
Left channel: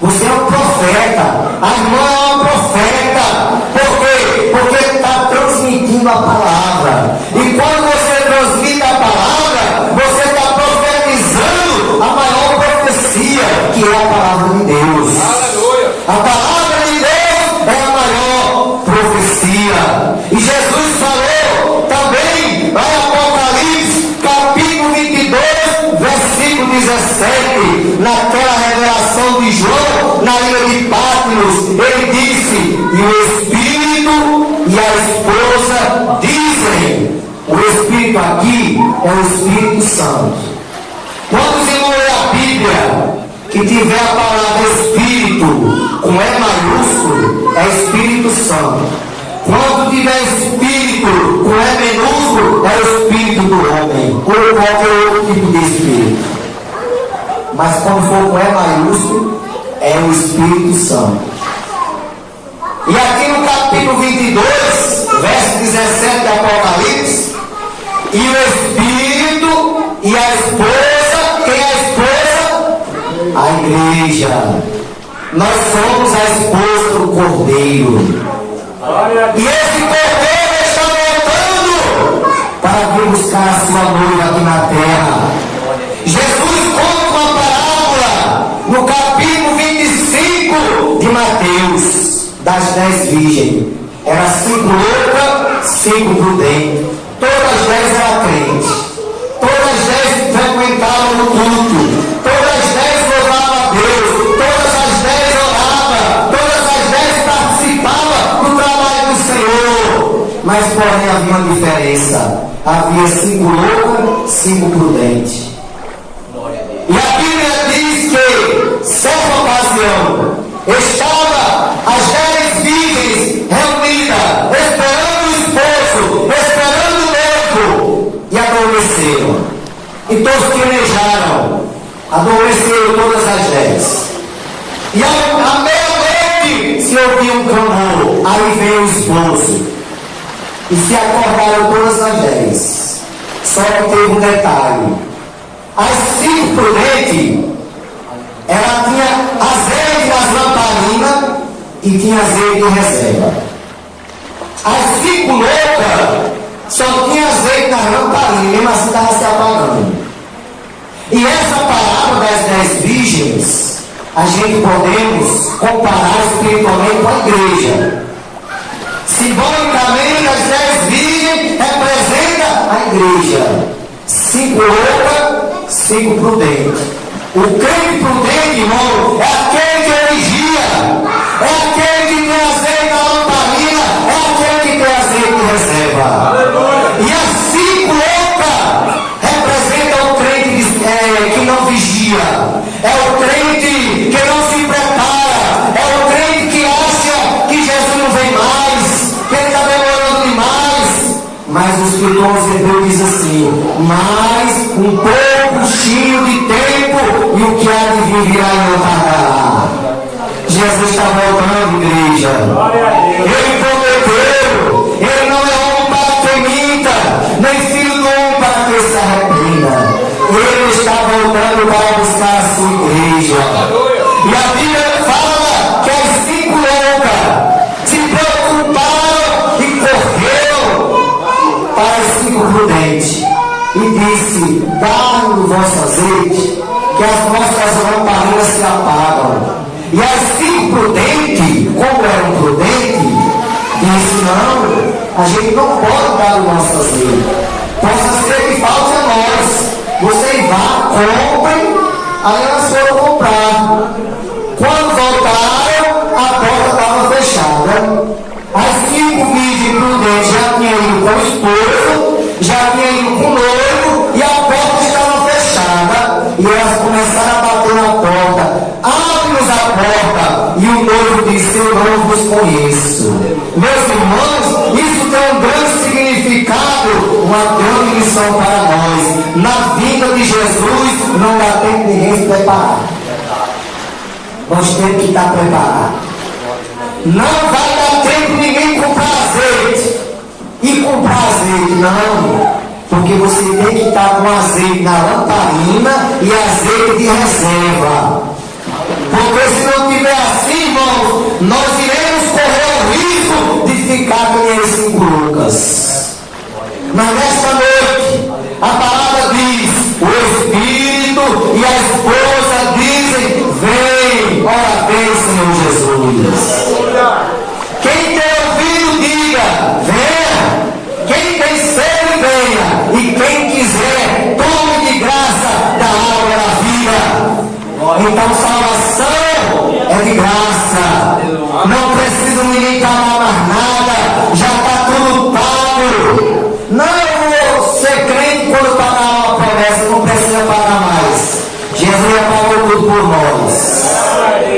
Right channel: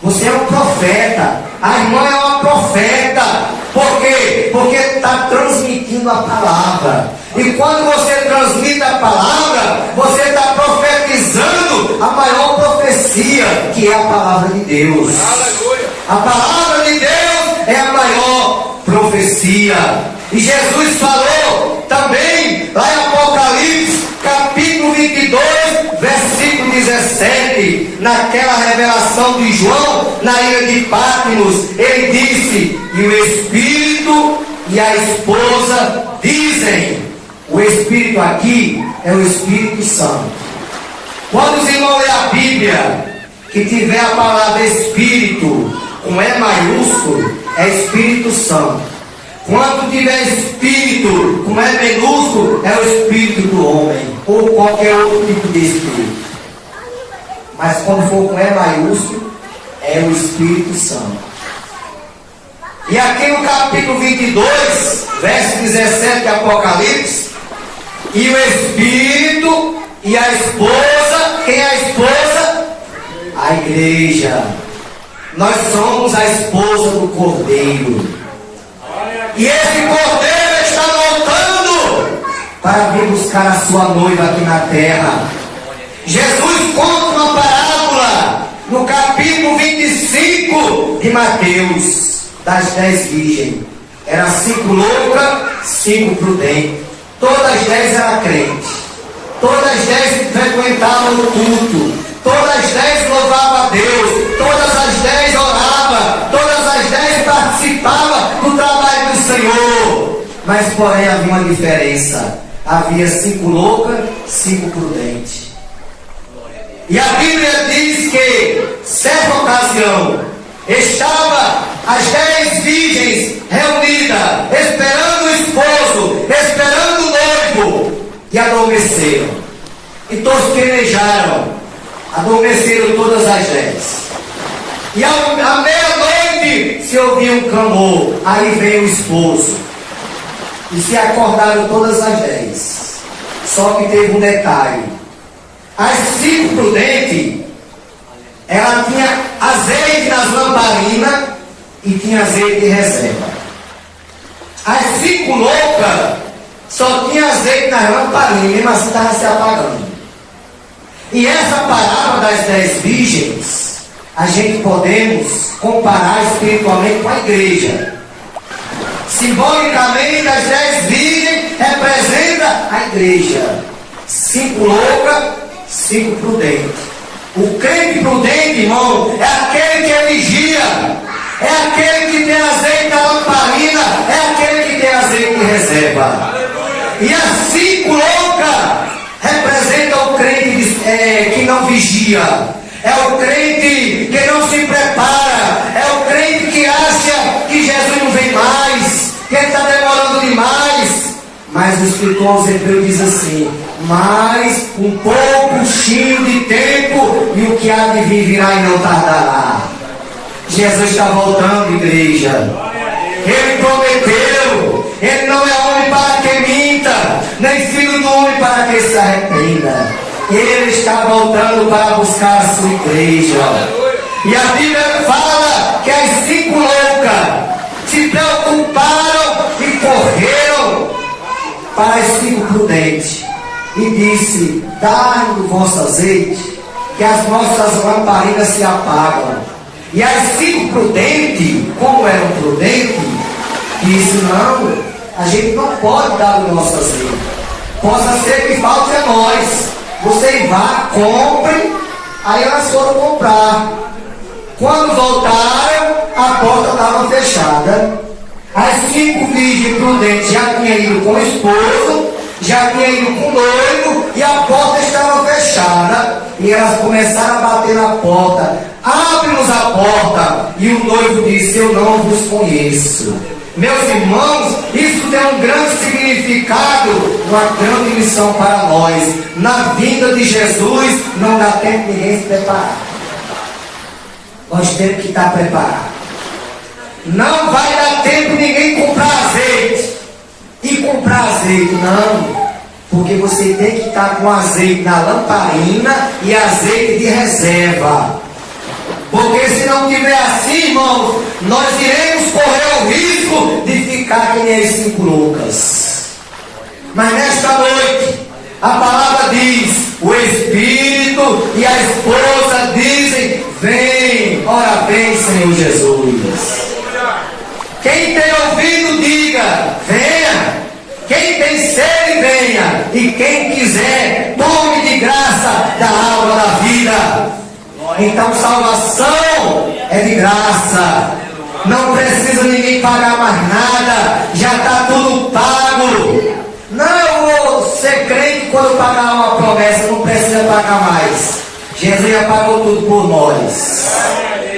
Você é um profeta. A irmã é uma profeta. Por quê? Porque está transmitindo a palavra. E quando você transmite a palavra, você está profetizando a maior profecia, que é a palavra de Deus. Aleluia. A palavra de Deus é a maior profecia. E Jesus falou também, lá em Apocalipse, capítulo 22, versículo 17, naquela revelação de João, na ilha de Patmos, ele disse: e o Espírito e a esposa dizem. O Espírito aqui é o Espírito Santo. Quando os irmãos lerem a Bíblia, que tiver a palavra Espírito com E maiúsculo, é Espírito Santo. Quando tiver Espírito com E minúsculo, é o Espírito do homem, ou qualquer outro tipo de Espírito. Mas quando for com E maiúsculo, é o Espírito Santo. E aqui no capítulo 22, verso 17 de Apocalipse, e o Espírito e a esposa, quem é a esposa? A igreja. Nós somos a esposa do Cordeiro. E esse Cordeiro está voltando para vir buscar a sua noiva aqui na terra. Jesus conta uma parábola no capítulo 25 de Mateus, das 10 virgens. Era 5 loucas, 5 prudentes. Todas as 10 eram crentes. Todas as 10 frequentavam o culto. Todas as 10 louvavam a Deus. Todas as 10 oravam. Todas as 10 participavam do trabalho do Senhor. Mas porém havia uma diferença. Havia 5 loucas, 5 prudentes. E a Bíblia diz que, certa ocasião, estava as 10 virgens reunidas, esperando o esposo, esperando o noivo, e adormeceram. E todos querejaram, adormeceram todas as 10. E à meia-noite se ouviu um clamor, aí veio o esposo. E se acordaram todas as 10. Só que teve um detalhe. As 5 prudentes, ela tinha azeite nas lamparinas e tinha azeite de reserva. As 5 loucas só tinha azeite nas lamparinas, mesmo assim estava se apagando. E essa palavra das 10 virgens, a gente podemos comparar espiritualmente com a igreja. Simbolicamente, as 10 virgens representam a igreja. 5 loucas, 5 prudentes. O crente prudente, irmão, é aquele que é vigia, é aquele que tem azeite na lamparina, é aquele que tem azeite de reserva. E as 5 loucas representam o crente que não vigia, é o crente que não se prepara, é o crente que acha que Jesus não vem mais, que ele está demorando demais. Mas o escritor aos Hebreus diz assim: mas um pouco cheio de tempo, e o que há de vir virá e não tardará. Jesus está voltando, igreja. Ele prometeu. Ele não é homem para que minta, nem filho do homem para que se arrependa. Ele está voltando para buscar a sua igreja. E a Bíblia fala que as 5 loucas se preocuparam e correram para as 5 prudentes e disse: dai-me o vosso azeite, que as nossas lamparinas se apagam. E as 5 prudentes, como eram prudentes, disse: não, a gente não pode dar o nosso azeite, possa ser que falte a nós. Vocês vá, comprem. Aí elas foram comprar. Quando voltaram, a porta estava fechada. As 5 virgens prudentes já tinham ido com o esposo, já tinham ido com o noivo, e a porta estava fechada. E elas começaram a bater na porta: abre-nos a porta. E o noivo disse: eu não vos conheço. Meus irmãos, isso tem um grande significado, uma grande lição para nós. Na vinda de Jesus, não dá tempo de ninguém se preparar. Nós temos que estar preparados. Não vai dar tempo de ninguém comprar azeite. E comprar azeite, não. Porque você tem que estar com azeite na lamparina e azeite de reserva. Porque se não tiver assim, irmãos, nós iremos correr o risco de ficar que nem esse Lucas. Mas nesta noite, a palavra diz, o Espírito e a esposa dizem, vem, ora vem, Senhor Jesus. Quem tem ouvido, diga, venha. Quem tem sede, venha. E quem quiser, tome de graça da água da vida. Então salvação é de graça. Não precisa ninguém pagar mais nada. Já está tudo pago. Não, eu vou ser crente quando pagar uma promessa, não precisa pagar mais. Jesus já pagou tudo por nós.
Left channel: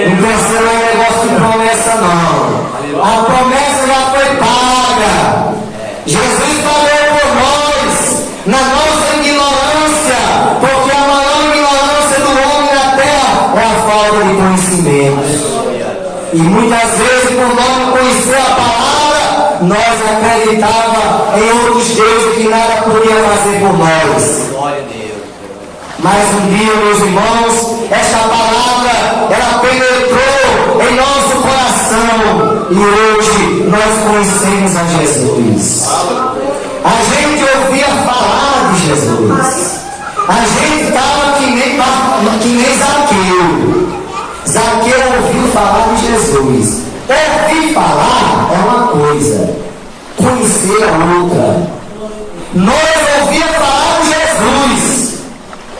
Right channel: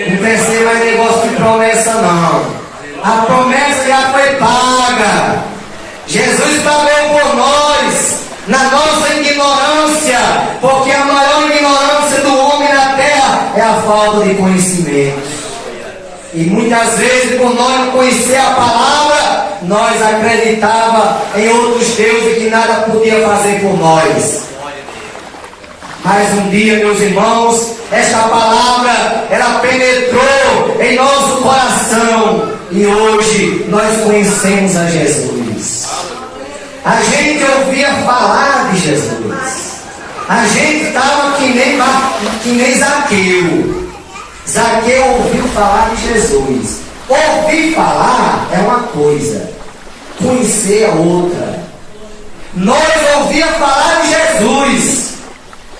Não precisa de negócio de promessa, não. A promessa já foi paga. Jesus pagou por nós, na nossa ignorância, porque a maior ignorância do homem na terra é a falta de conhecimento. E muitas vezes, por nós não conhecer a palavra, nós acreditávamos em outros deuses que nada podia fazer por nós. Mas um dia, meus irmãos, esta palavra, ela penetrou em nosso coração. E hoje nós conhecemos a Jesus. A gente ouvia falar de Jesus. A gente estava que nem Zaqueu. Zaqueu ouviu falar de Jesus. Ouvir falar é uma coisa, conhecer é outra. Nós ouvíamos falar de Jesus.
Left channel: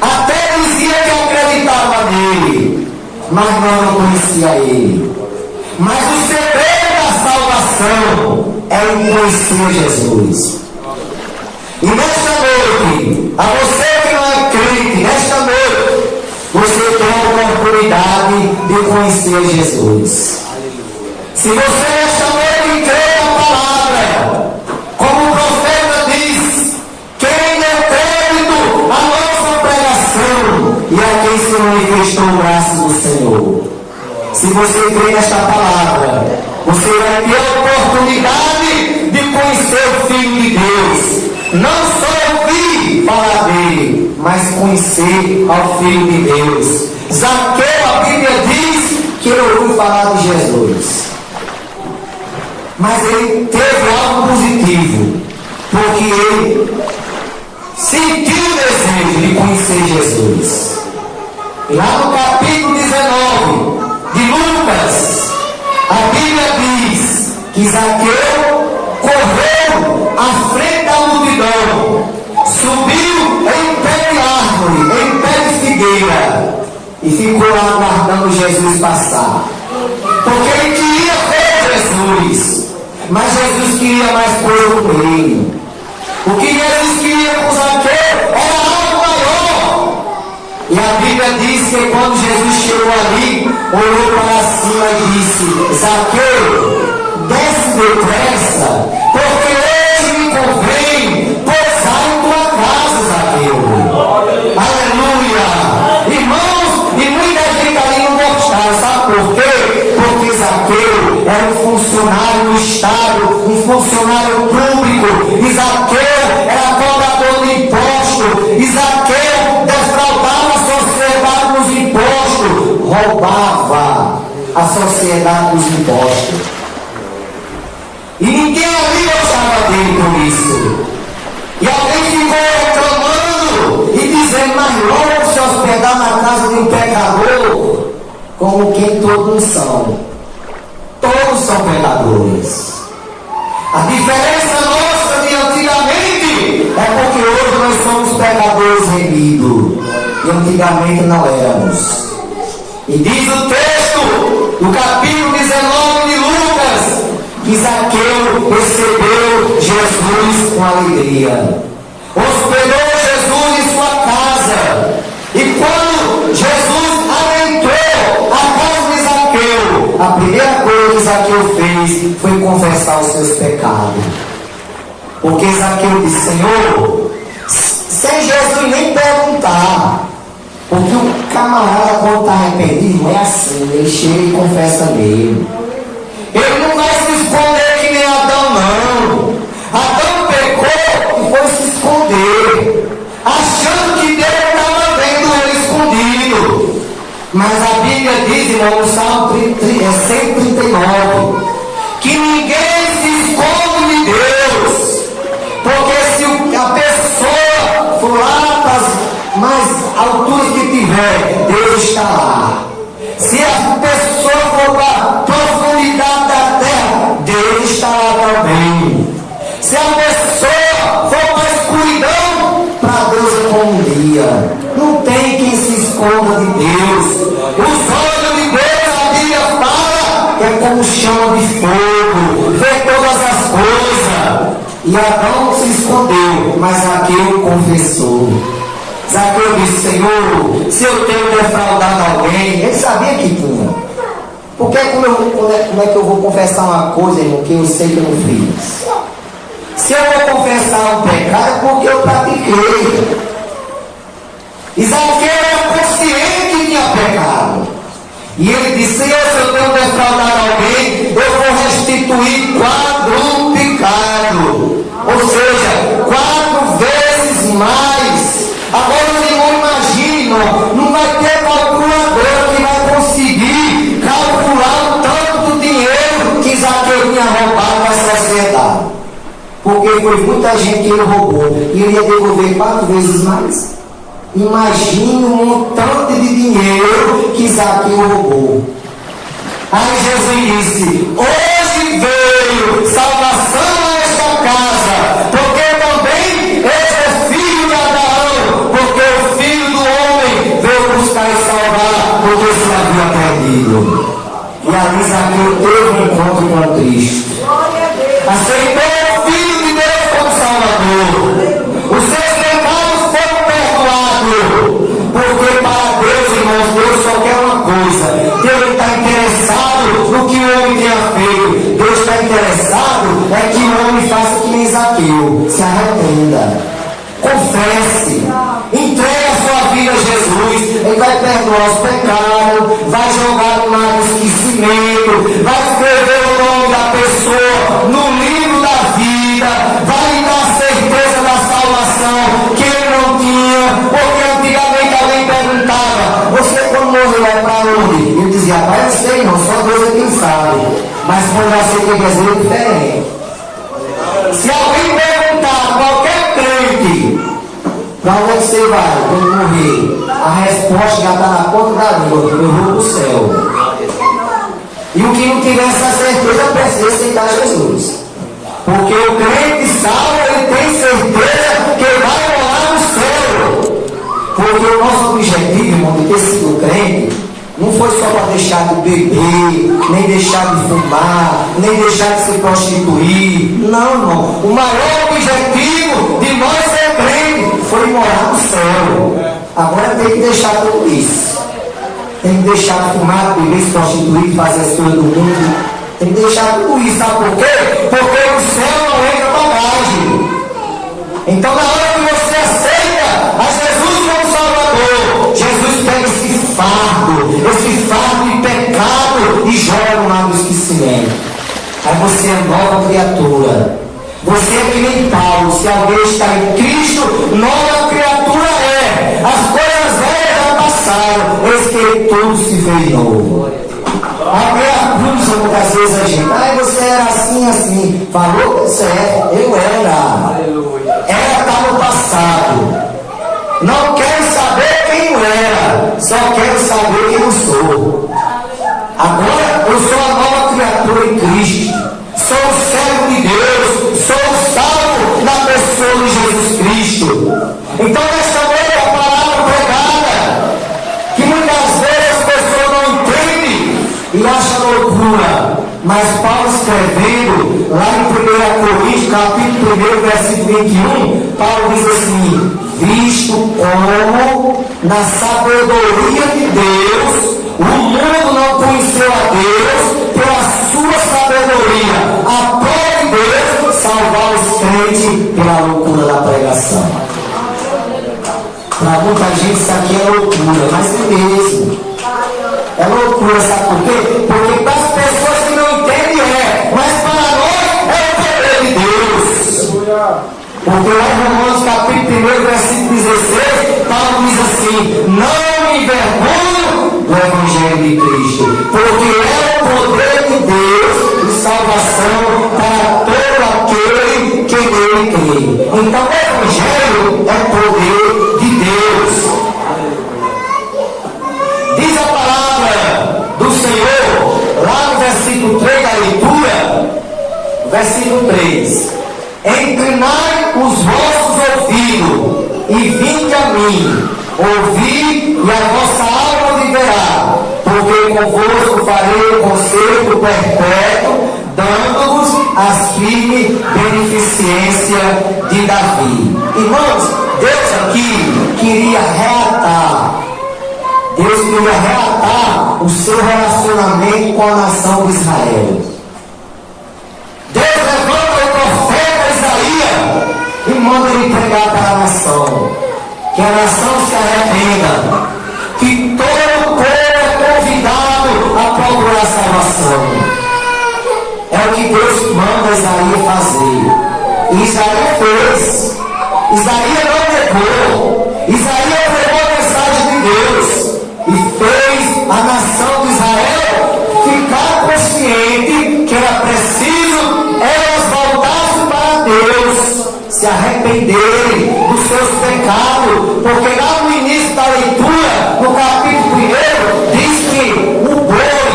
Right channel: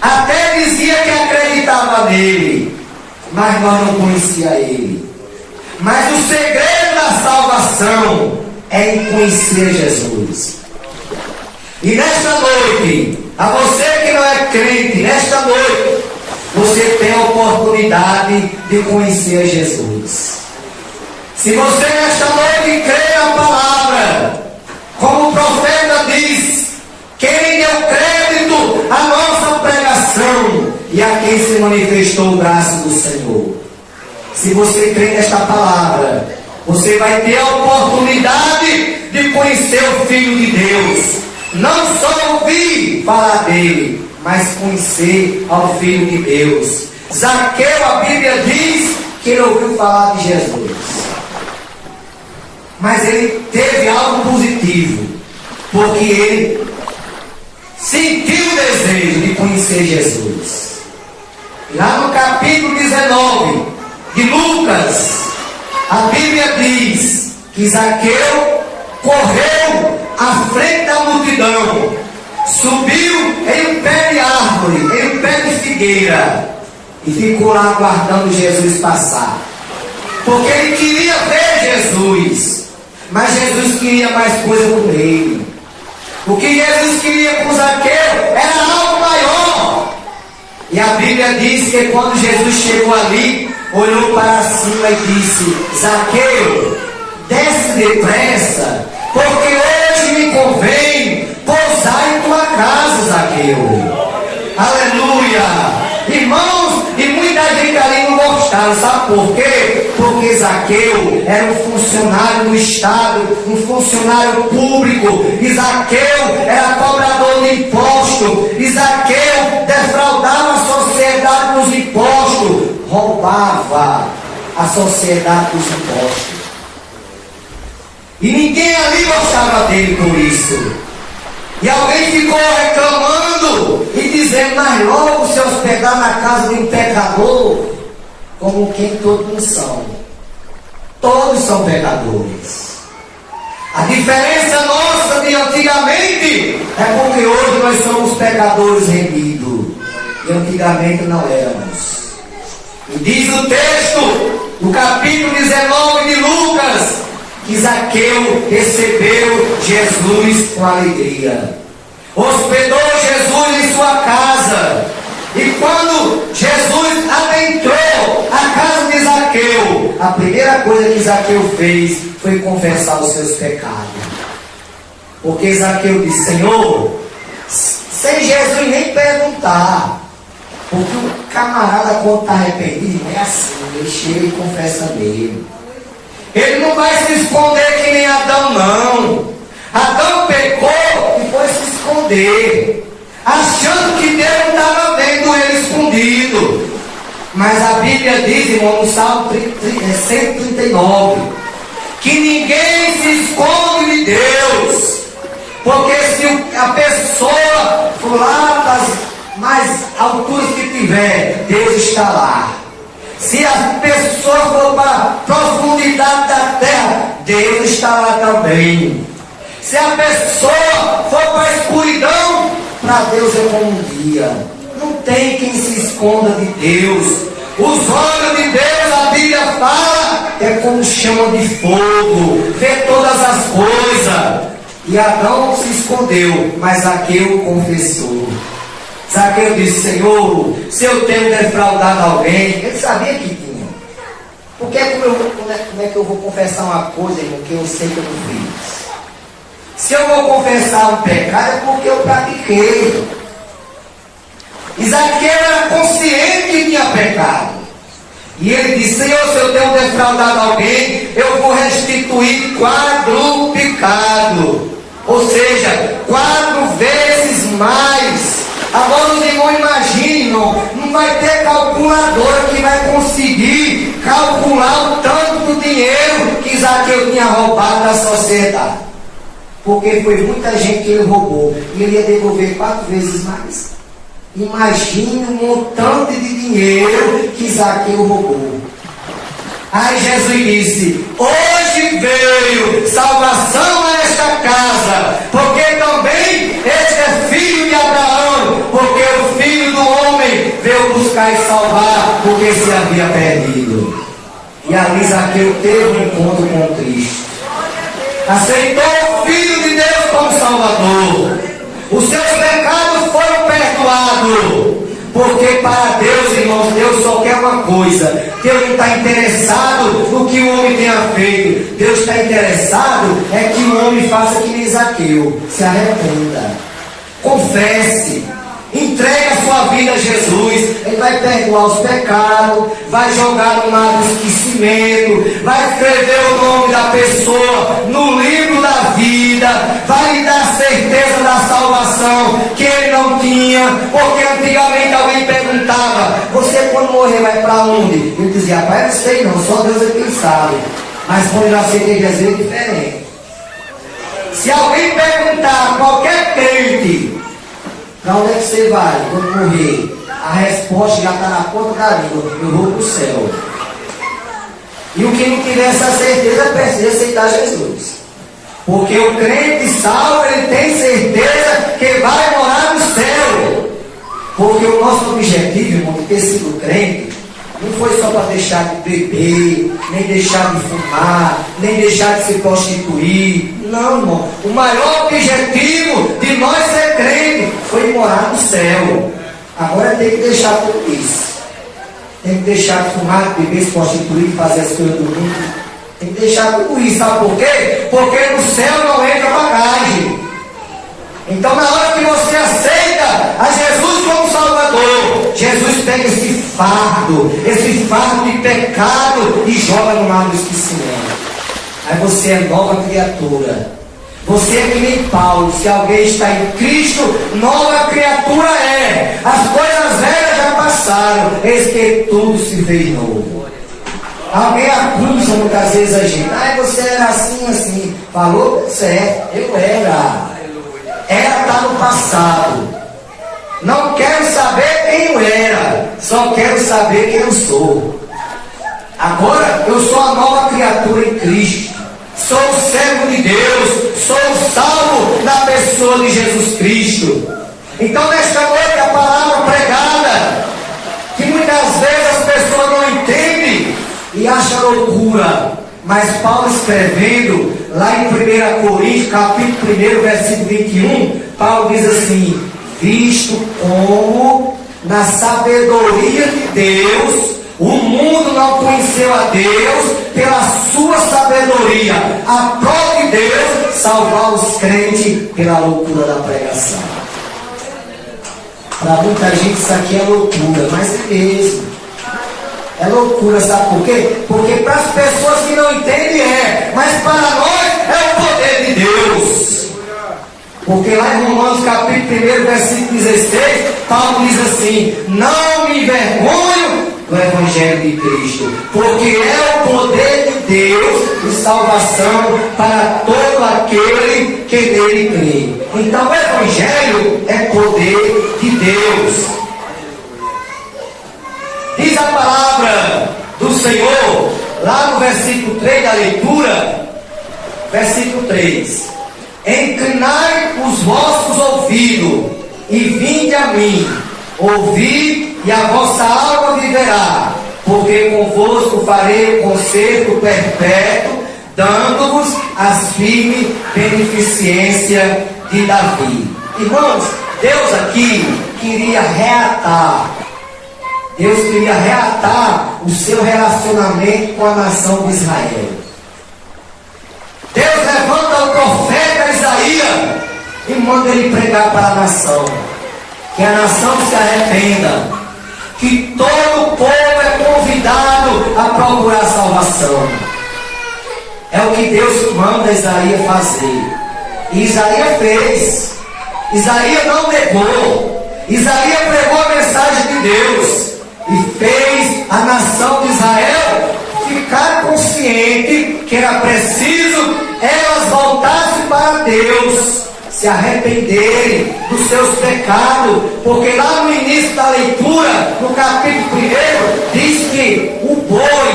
Até dizia que acreditava nele, mas nós não conhecia ele. Mas o segredo da salvação é em conhecer Jesus. E nesta noite, a você que não é crente, nesta noite, você tem a oportunidade de conhecer Jesus. Se você nesta noite crê na palavra, como o profeta diz, quem é crédito à nossa pregação e a quem se manifestou o braço do Senhor. Se você crê nesta palavra, você vai ter a oportunidade de conhecer o Filho de Deus. Não só ouvir falar dele, mas conhecer ao Filho de Deus. Zaqueu, a Bíblia diz que ele ouviu falar de Jesus. Mas ele teve algo positivo, porque ele sentiu o desejo de conhecer Jesus. E lá no capítulo 19 de Lucas, a Bíblia diz que Zaqueu correu à frente da multidão, subiu em pé de árvore, em pé de figueira, e ficou lá aguardando Jesus passar. Porque ele queria ver Jesus, mas Jesus queria mais coisa com ele. O que Jesus queria com Zaqueu era algo maior. E a Bíblia diz que quando Jesus chegou ali, olhou para cima e disse: Zaqueu, desce depressa, porque hoje me convém pousar em tua casa, Zaqueu. Aleluia! Irmãos, e muita gente ali não gostaram, sabe por quê? Porque Zaqueu era um funcionário do Estado, um funcionário público, e Zaqueu era cobrador de imposto, e Zaqueu defraudava a sociedade dos impostos, roubava a sociedade dos impostos. E ninguém ali gostava dele por isso. E alguém ficou reclamando e dizendo: mas logo se hospedar na casa de um pecador, como quem todos são. Todos são pecadores. A diferença nossa de antigamente é porque hoje nós somos pecadores remidos. E antigamente não éramos. E diz o texto, no capítulo 19 de Lucas, que Zaqueu recebeu Jesus com alegria. Hospedou Jesus em sua casa. E quando Jesus adentrou a casa de Zaqueu, a primeira coisa que Zaqueu fez foi confessar os seus pecados. Porque Zaqueu disse: Senhor, sem Jesus nem perguntar. Porque o camarada, quando está arrependido, é assim, ele chega e confessa mesmo. Ele não vai se esconder que nem Adão, não. Adão pecou e foi se esconder. esconder, achando que Deus estava vendo ele escondido. Mas a Bíblia diz, irmão, no Salmo 139, que ninguém se esconde de Deus, porque se a pessoa for lá nas mais alturas que tiver, Deus está lá. Se a pessoa for para a profundidade da terra, Deus está lá também. Se a pessoa for para a escuridão, para Deus é como um dia. Não tem quem se esconda de Deus. Os olhos de Deus, a Bíblia fala, é como chama de fogo, vê todas as coisas. E Adão se escondeu, mas Zaqueu confessou. Zaqueu disse: Senhor, se eu tenho defraudado alguém, ele sabia que tinha. Porque como é que eu vou confessar uma coisa, irmão, que eu sei que eu não fiz? Se eu vou confessar um pecado, é porque eu pratiquei. E Zaqueu era consciente que tinha pecado. E ele disse: Senhor, se eu tenho defraudado alguém, eu vou restituir quadruplicado. Ou seja, 4 vezes mais. Agora os irmãos imaginam, não vai ter calculador que vai conseguir calcular o tanto do dinheiro que Zaqueu tinha roubado na sociedade. Porque foi muita gente que ele roubou. E ele ia devolver 4 vezes mais. Imagine um montante de dinheiro que Zaqueu roubou. Aí Jesus disse: hoje veio salvação a esta casa, porque também este é filho de Abraão, porque o Filho do Homem veio buscar e salvar o que se havia perdido. E ali Zaqueu teve um encontro com Cristo, aceitou o Filho de Deus como Salvador, os seus pecados foram perdoados, porque para Deus, irmãos, Deus só quer uma coisa. Deus não está interessado no que o homem tenha feito. Deus está interessado é que o homem faça que nem Zaqueu, se arrependa, confesse, entregue a sua vida a Jesus. Ele vai perdoar os pecados, vai jogar no mar do esquecimento, vai escrever o nome da pessoa no livro da vida, vai lhe dar certeza da salvação que ele não tinha. Porque antigamente alguém perguntava: você quando morreu vai para onde? Ele dizia: pai, não sei não, só Deus é quem sabe. Mas quando nasceu tem dizer diferente. Se alguém perguntar, qualquer crente, para onde é que você vai quando morrer? A resposta já está na ponta da língua: eu vou para o céu. E o que não tiver essa certeza precisa aceitar Jesus. Porque o crente salvo, ele tem certeza que vai morar no céu. Porque o nosso objetivo, irmão, de ter sido crente, não foi só para deixar de beber, nem deixar de fumar, nem deixar de se prostituir. Não, irmão. O maior objetivo de nós ser crente foi morar no céu. Agora tem que deixar tudo isso. Tem que deixar de fumar, de beber, se prostituir, fazer as coisas do mundo. Tem que deixar tudo isso. Sabe por quê? Porque no céu não entra bagagem. Então, na hora que você aceita a Jesus como Salvador, Jesus pega esse fardo de pecado e joga no mar do esquecimento. Aí você é nova criatura. Você é que nem Paulo: se alguém está em Cristo, nova criatura é. As coisas velhas já passaram, eis que tudo se fez novo. Alguém acusa muitas vezes a gente: você era assim. Falou certo, eu era. Era está no passado. Não quero saber quem eu era, só quero saber quem eu sou. Agora eu sou a nova criatura em Cristo. Sou o servo de Deus, sou o salvo na pessoa de Jesus Cristo. Então, nesta noite, a palavra pregada, que muitas vezes as pessoas não entendem e acham loucura, mas Paulo escrevendo lá em 1 Coríntios, capítulo 1, versículo 21, Paulo diz assim: visto como na sabedoria de Deus o mundo não conheceu a Deus, pela sua sabedoria aprove Deus salvar os crentes pela loucura da pregação. Para muita gente isso aqui é loucura, mas é mesmo. É loucura, sabe por quê? Porque para as pessoas que não entendem mas para nós é o poder de Deus. Porque lá em Romanos capítulo 1, versículo 16, Paulo diz assim: não me envergonho do Evangelho de Cristo, porque é o poder de Deus de salvação para todo aquele que nele crê. Então o Evangelho é poder de Deus. Diz a palavra do Senhor, lá no versículo 3 da leitura, versículo 3: inclinai os vossos ouvidos e vinde a mim, ouvi e a vossa alma viverá, porque convosco farei conserto perpétuo, dando-vos as firmes beneficência de Davi. Irmãos, Deus aqui queria reatar. Deus queria reatar o seu relacionamento com a nação de Israel. Deus levanta o profeta Isaías e manda ele pregar para a nação, que a nação se arrependa, que todo o povo é convidado a procurar salvação. É o que Deus manda Isaías fazer. E Isaías fez. Isaías não negou. Isaías pregou a mensagem de Deus e fez a nação de Israel ficar consciente que era preciso elas voltassem para Deus, se arrependerem dos seus pecados, porque lá no início da leitura, no capítulo 1, diz que o boi,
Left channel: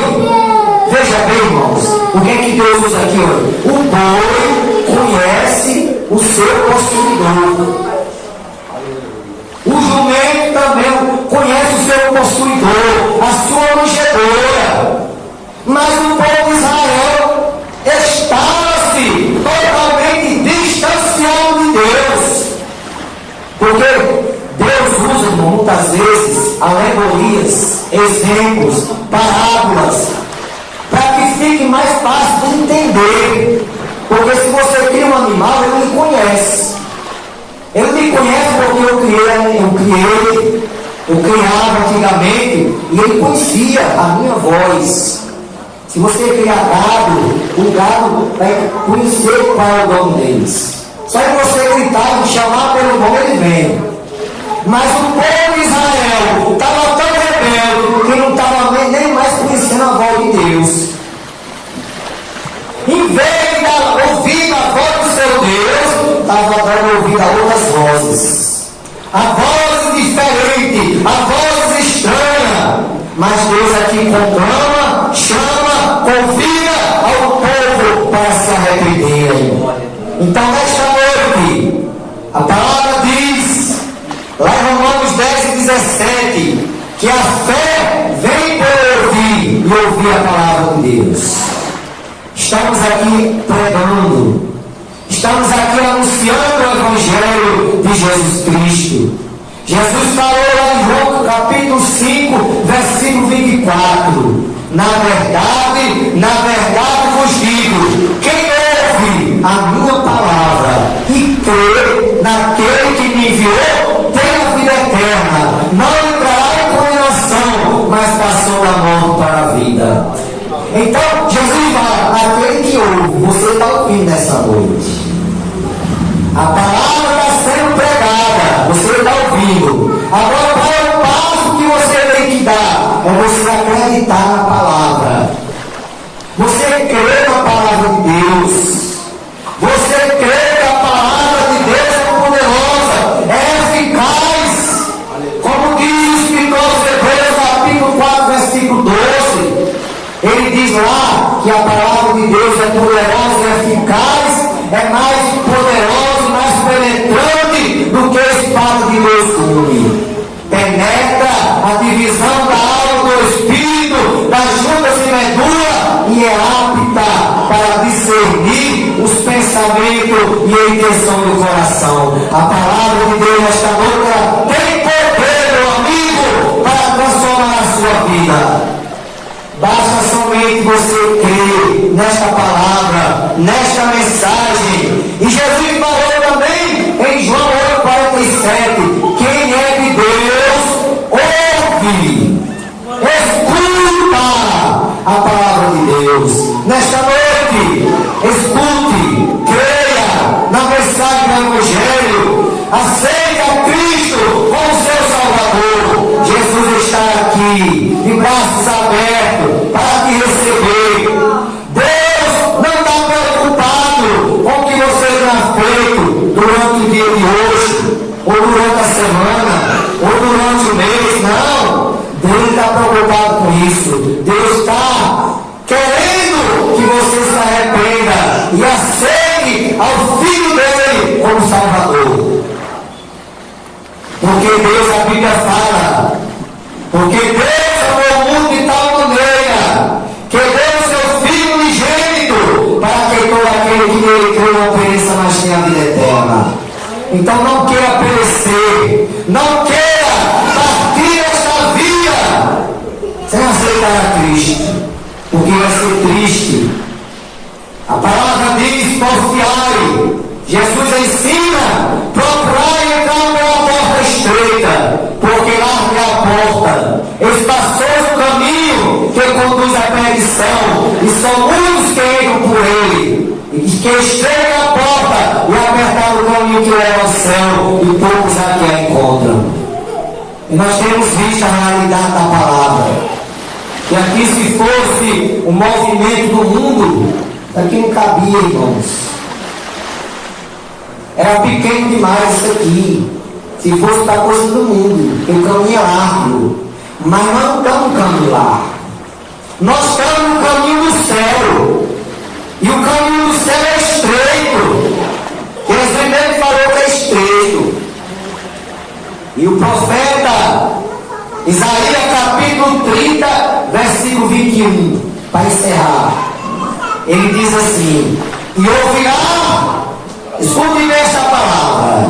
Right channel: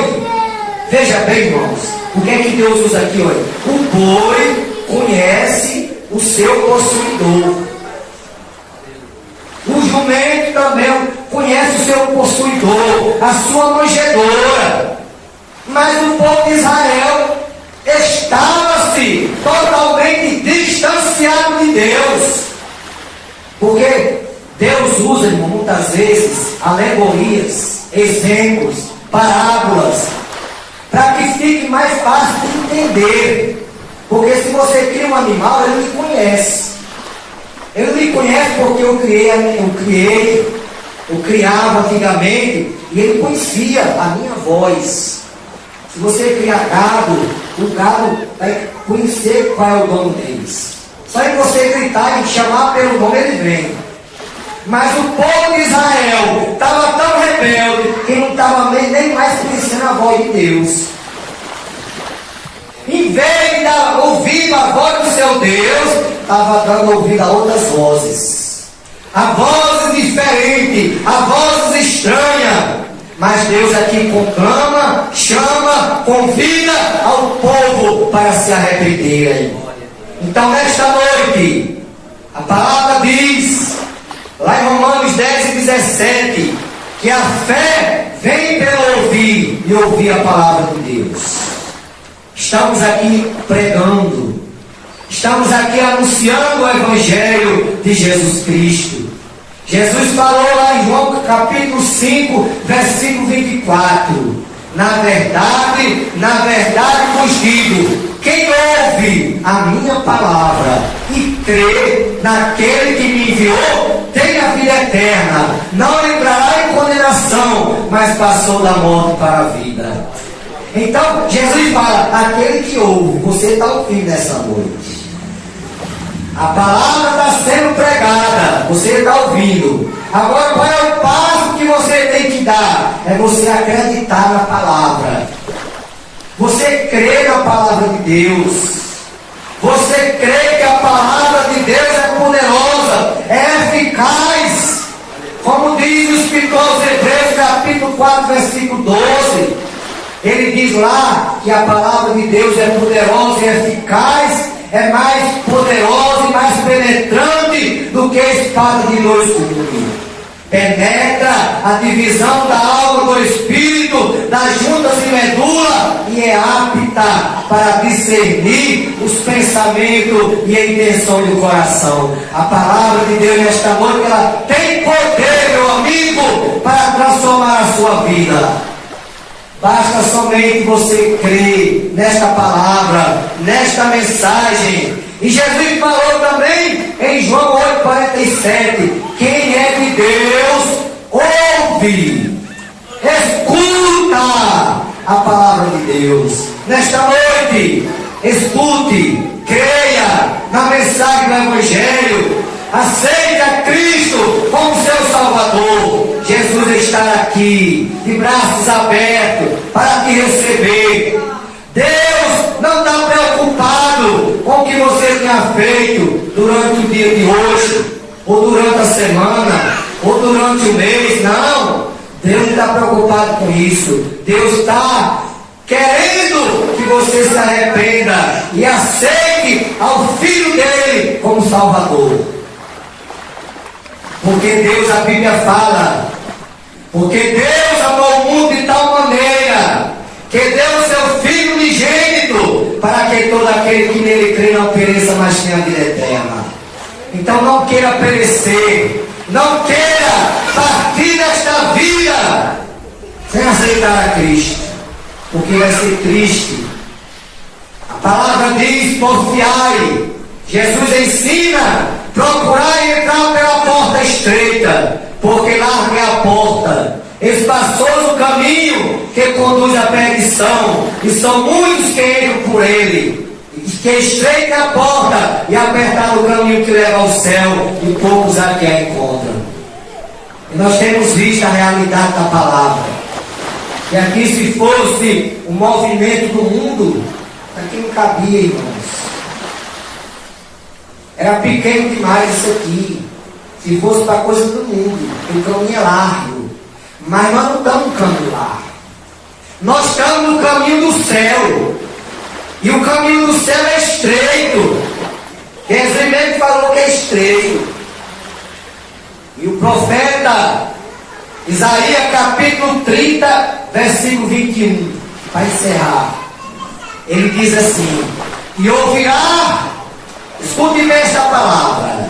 veja bem, irmãos, o que é que Deus usa aqui hoje? O boi conhece o seu possuidor. O jumento também conhece o seu possuidor, a sua manjedoura. Mas o povo de Israel estava-se totalmente distanciado de Deus. Porque Deus usa, irmão, muitas vezes alegorias, exemplos, parábolas, para que fique mais fácil de entender. Porque se você cria um animal, ele não conhece. Ele me conhece porque eu criava antigamente e ele conhecia a minha voz. Se você criar gado, o gado vai conhecer qual é o dono deles. Só que você gritar e chamar pelo nome, ele vem. Mas o povo de Israel estava tão rebelde que não estava nem mais conhecendo a voz de Deus. Em vez de ouvir a voz do seu Deus, estava dando ouvido a outras vozes. A vozes diferentes, a vozes estranhas. Mas Deus aqui conclama, chama, convida ao povo para se arrepender. Então, nesta noite, a palavra diz, lá em Romanos 10 e 17, que a fé vem pelo ouvir e ouvir a palavra de Deus. Estamos aqui pregando, estamos aqui anunciando o Evangelho de Jesus Cristo. Jesus falou lá em João capítulo 5, versículo 24: na verdade vos digo, quem ouve a minha palavra e crê naquele que me enviou, tem a vida eterna, não entrará em condenação, mas passou da morte para a vida. Então, Jesus fala, aquele que ouve, você está ouvindo nessa noite. A palavra está sendo pregada, você está ouvindo. Agora, qual é o passo que você tem que dar? É você acreditar na palavra. Você crê na palavra de Deus. Você crê que a palavra de Deus é poderosa, é eficaz. Como diz o escritor aos Hebreus, capítulo 4, versículo 12. Ele diz lá que a palavra de Deus é poderosa e eficaz, é mais poderosa e mais penetrante do que a espada de dois gumes. Penetra a divisão da alma do espírito, das juntas e medula, e é apta para discernir os pensamentos e a intenção do coração. A palavra de Deus nesta noite tem poder, meu amigo, para transformar a sua vida. Basta somente você crer nesta palavra, nesta mensagem. E Jesus falou também em João 8,47: quem é de Deus, ouve, escuta a palavra de Deus. Nesta noite, escute, creia na mensagem do Evangelho. Aceita Cristo como seu Salvador. Jesus está aqui, de braços abertos, para te receber. Deus não está preocupado com o que você tenha feito durante o dia de hoje, ou durante a semana, ou durante o mês. Não. Deus está preocupado com isso. Deus está querendo que você se arrependa e aceite ao Filho dele como Salvador. Porque Deus, a Bíblia fala, porque Deus amou o mundo de tal maneira que deu o seu Filho unigênito para que todo aquele que nele crê não pereça, mas tenha a vida eterna. Então não queira perecer, não queira partir desta vida sem aceitar a Cristo, porque vai ser triste. A palavra diz: porfiai. Jesus ensina: procurai entrar pela porta estreita, porque larga é a porta, espaçoso o caminho que conduz à perdição, e são muitos que entram por ele. E que estreita a porta e apertar o caminho que leva ao céu, e poucos aqui a encontram. E nós temos visto a realidade da palavra. E aqui, se fosse o movimento do mundo, aqui não cabia, irmãos. Era pequeno demais isso aqui. Se fosse para a coisa do mundo, porque o caminho é largo. Mas nós não estamos no caminho largo. Nós estamos no caminho do céu. E o caminho do céu é estreito. Jesus mesmo falou que é estreito. E o profeta Isaías capítulo 30, versículo 21, para encerrar, ele diz assim: e ouvirá, escute esta palavra,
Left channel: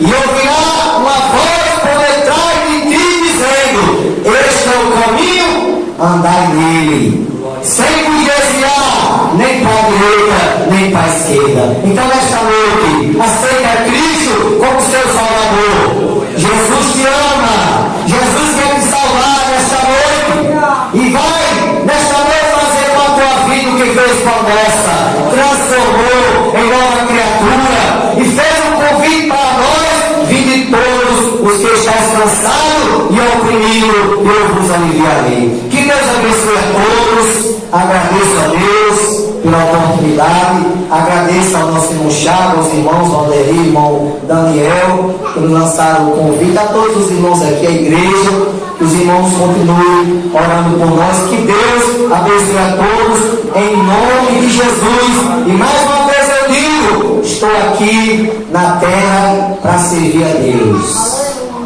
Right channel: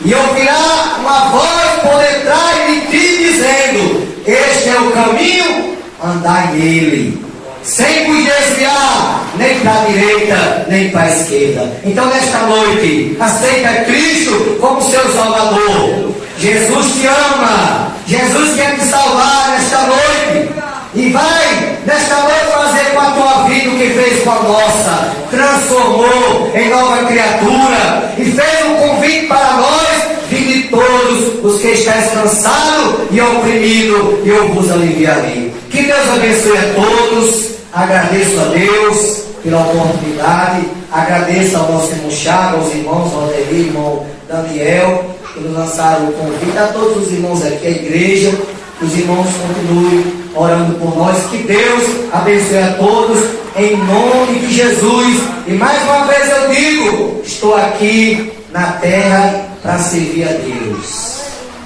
e ouvirá uma voz por detrás de ti dizendo: este é o caminho, andai nele, sem vos desviar nem para a direita nem para a esquerda. Então nesta noite, aceita Cristo como seu Salvador. Jesus te ama, Jesus quer te salvar nesta noite, e vai nesta noite fazer com a tua vida o que fez com a nossa, transformou em nova criatura, e fez um convite para nós: vinde todos os que estáis cansados e oprimidos, eu vos aliviarei. Que Deus abençoe a todos. Agradeço a Deus pela oportunidade, agradeço ao nosso irmão Chagas, aos irmãos Valderi, irmão Daniel, que nos lançaram o convite, a todos os irmãos aqui, a igreja, que os irmãos continuem orando por nós, que Deus abençoe a todos, em nome de Jesus. E mais uma vez eu digo: estou aqui na terra para servir a Deus.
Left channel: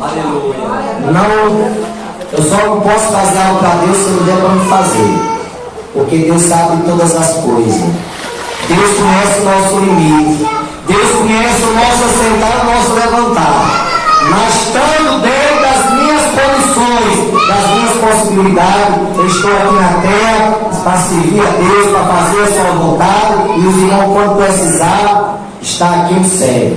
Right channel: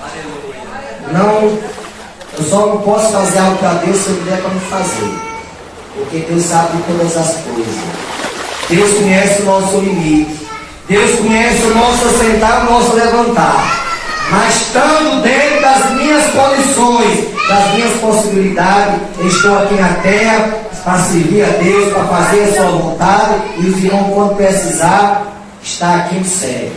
Aleluia. Não, eu só não posso fazer algo para Deus se Ele der para me fazer. Porque Deus sabe de todas as coisas. Deus conhece o nosso limite. Deus conhece o nosso assentar, o nosso levantar. Mas estando dentro das minhas condições, das minhas possibilidades, eu estou aqui na terra para servir a Deus, para fazer a sua vontade. E os irmãos, quando precisar, está aqui no céu.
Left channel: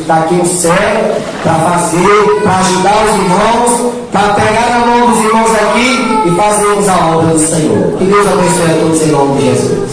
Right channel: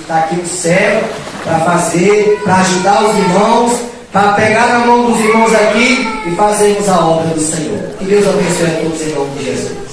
Está aqui no céu para fazer, para ajudar os irmãos, para pegar a mão dos irmãos aqui e fazermos a obra do Senhor. Que Deus abençoe a todos em nome de Jesus.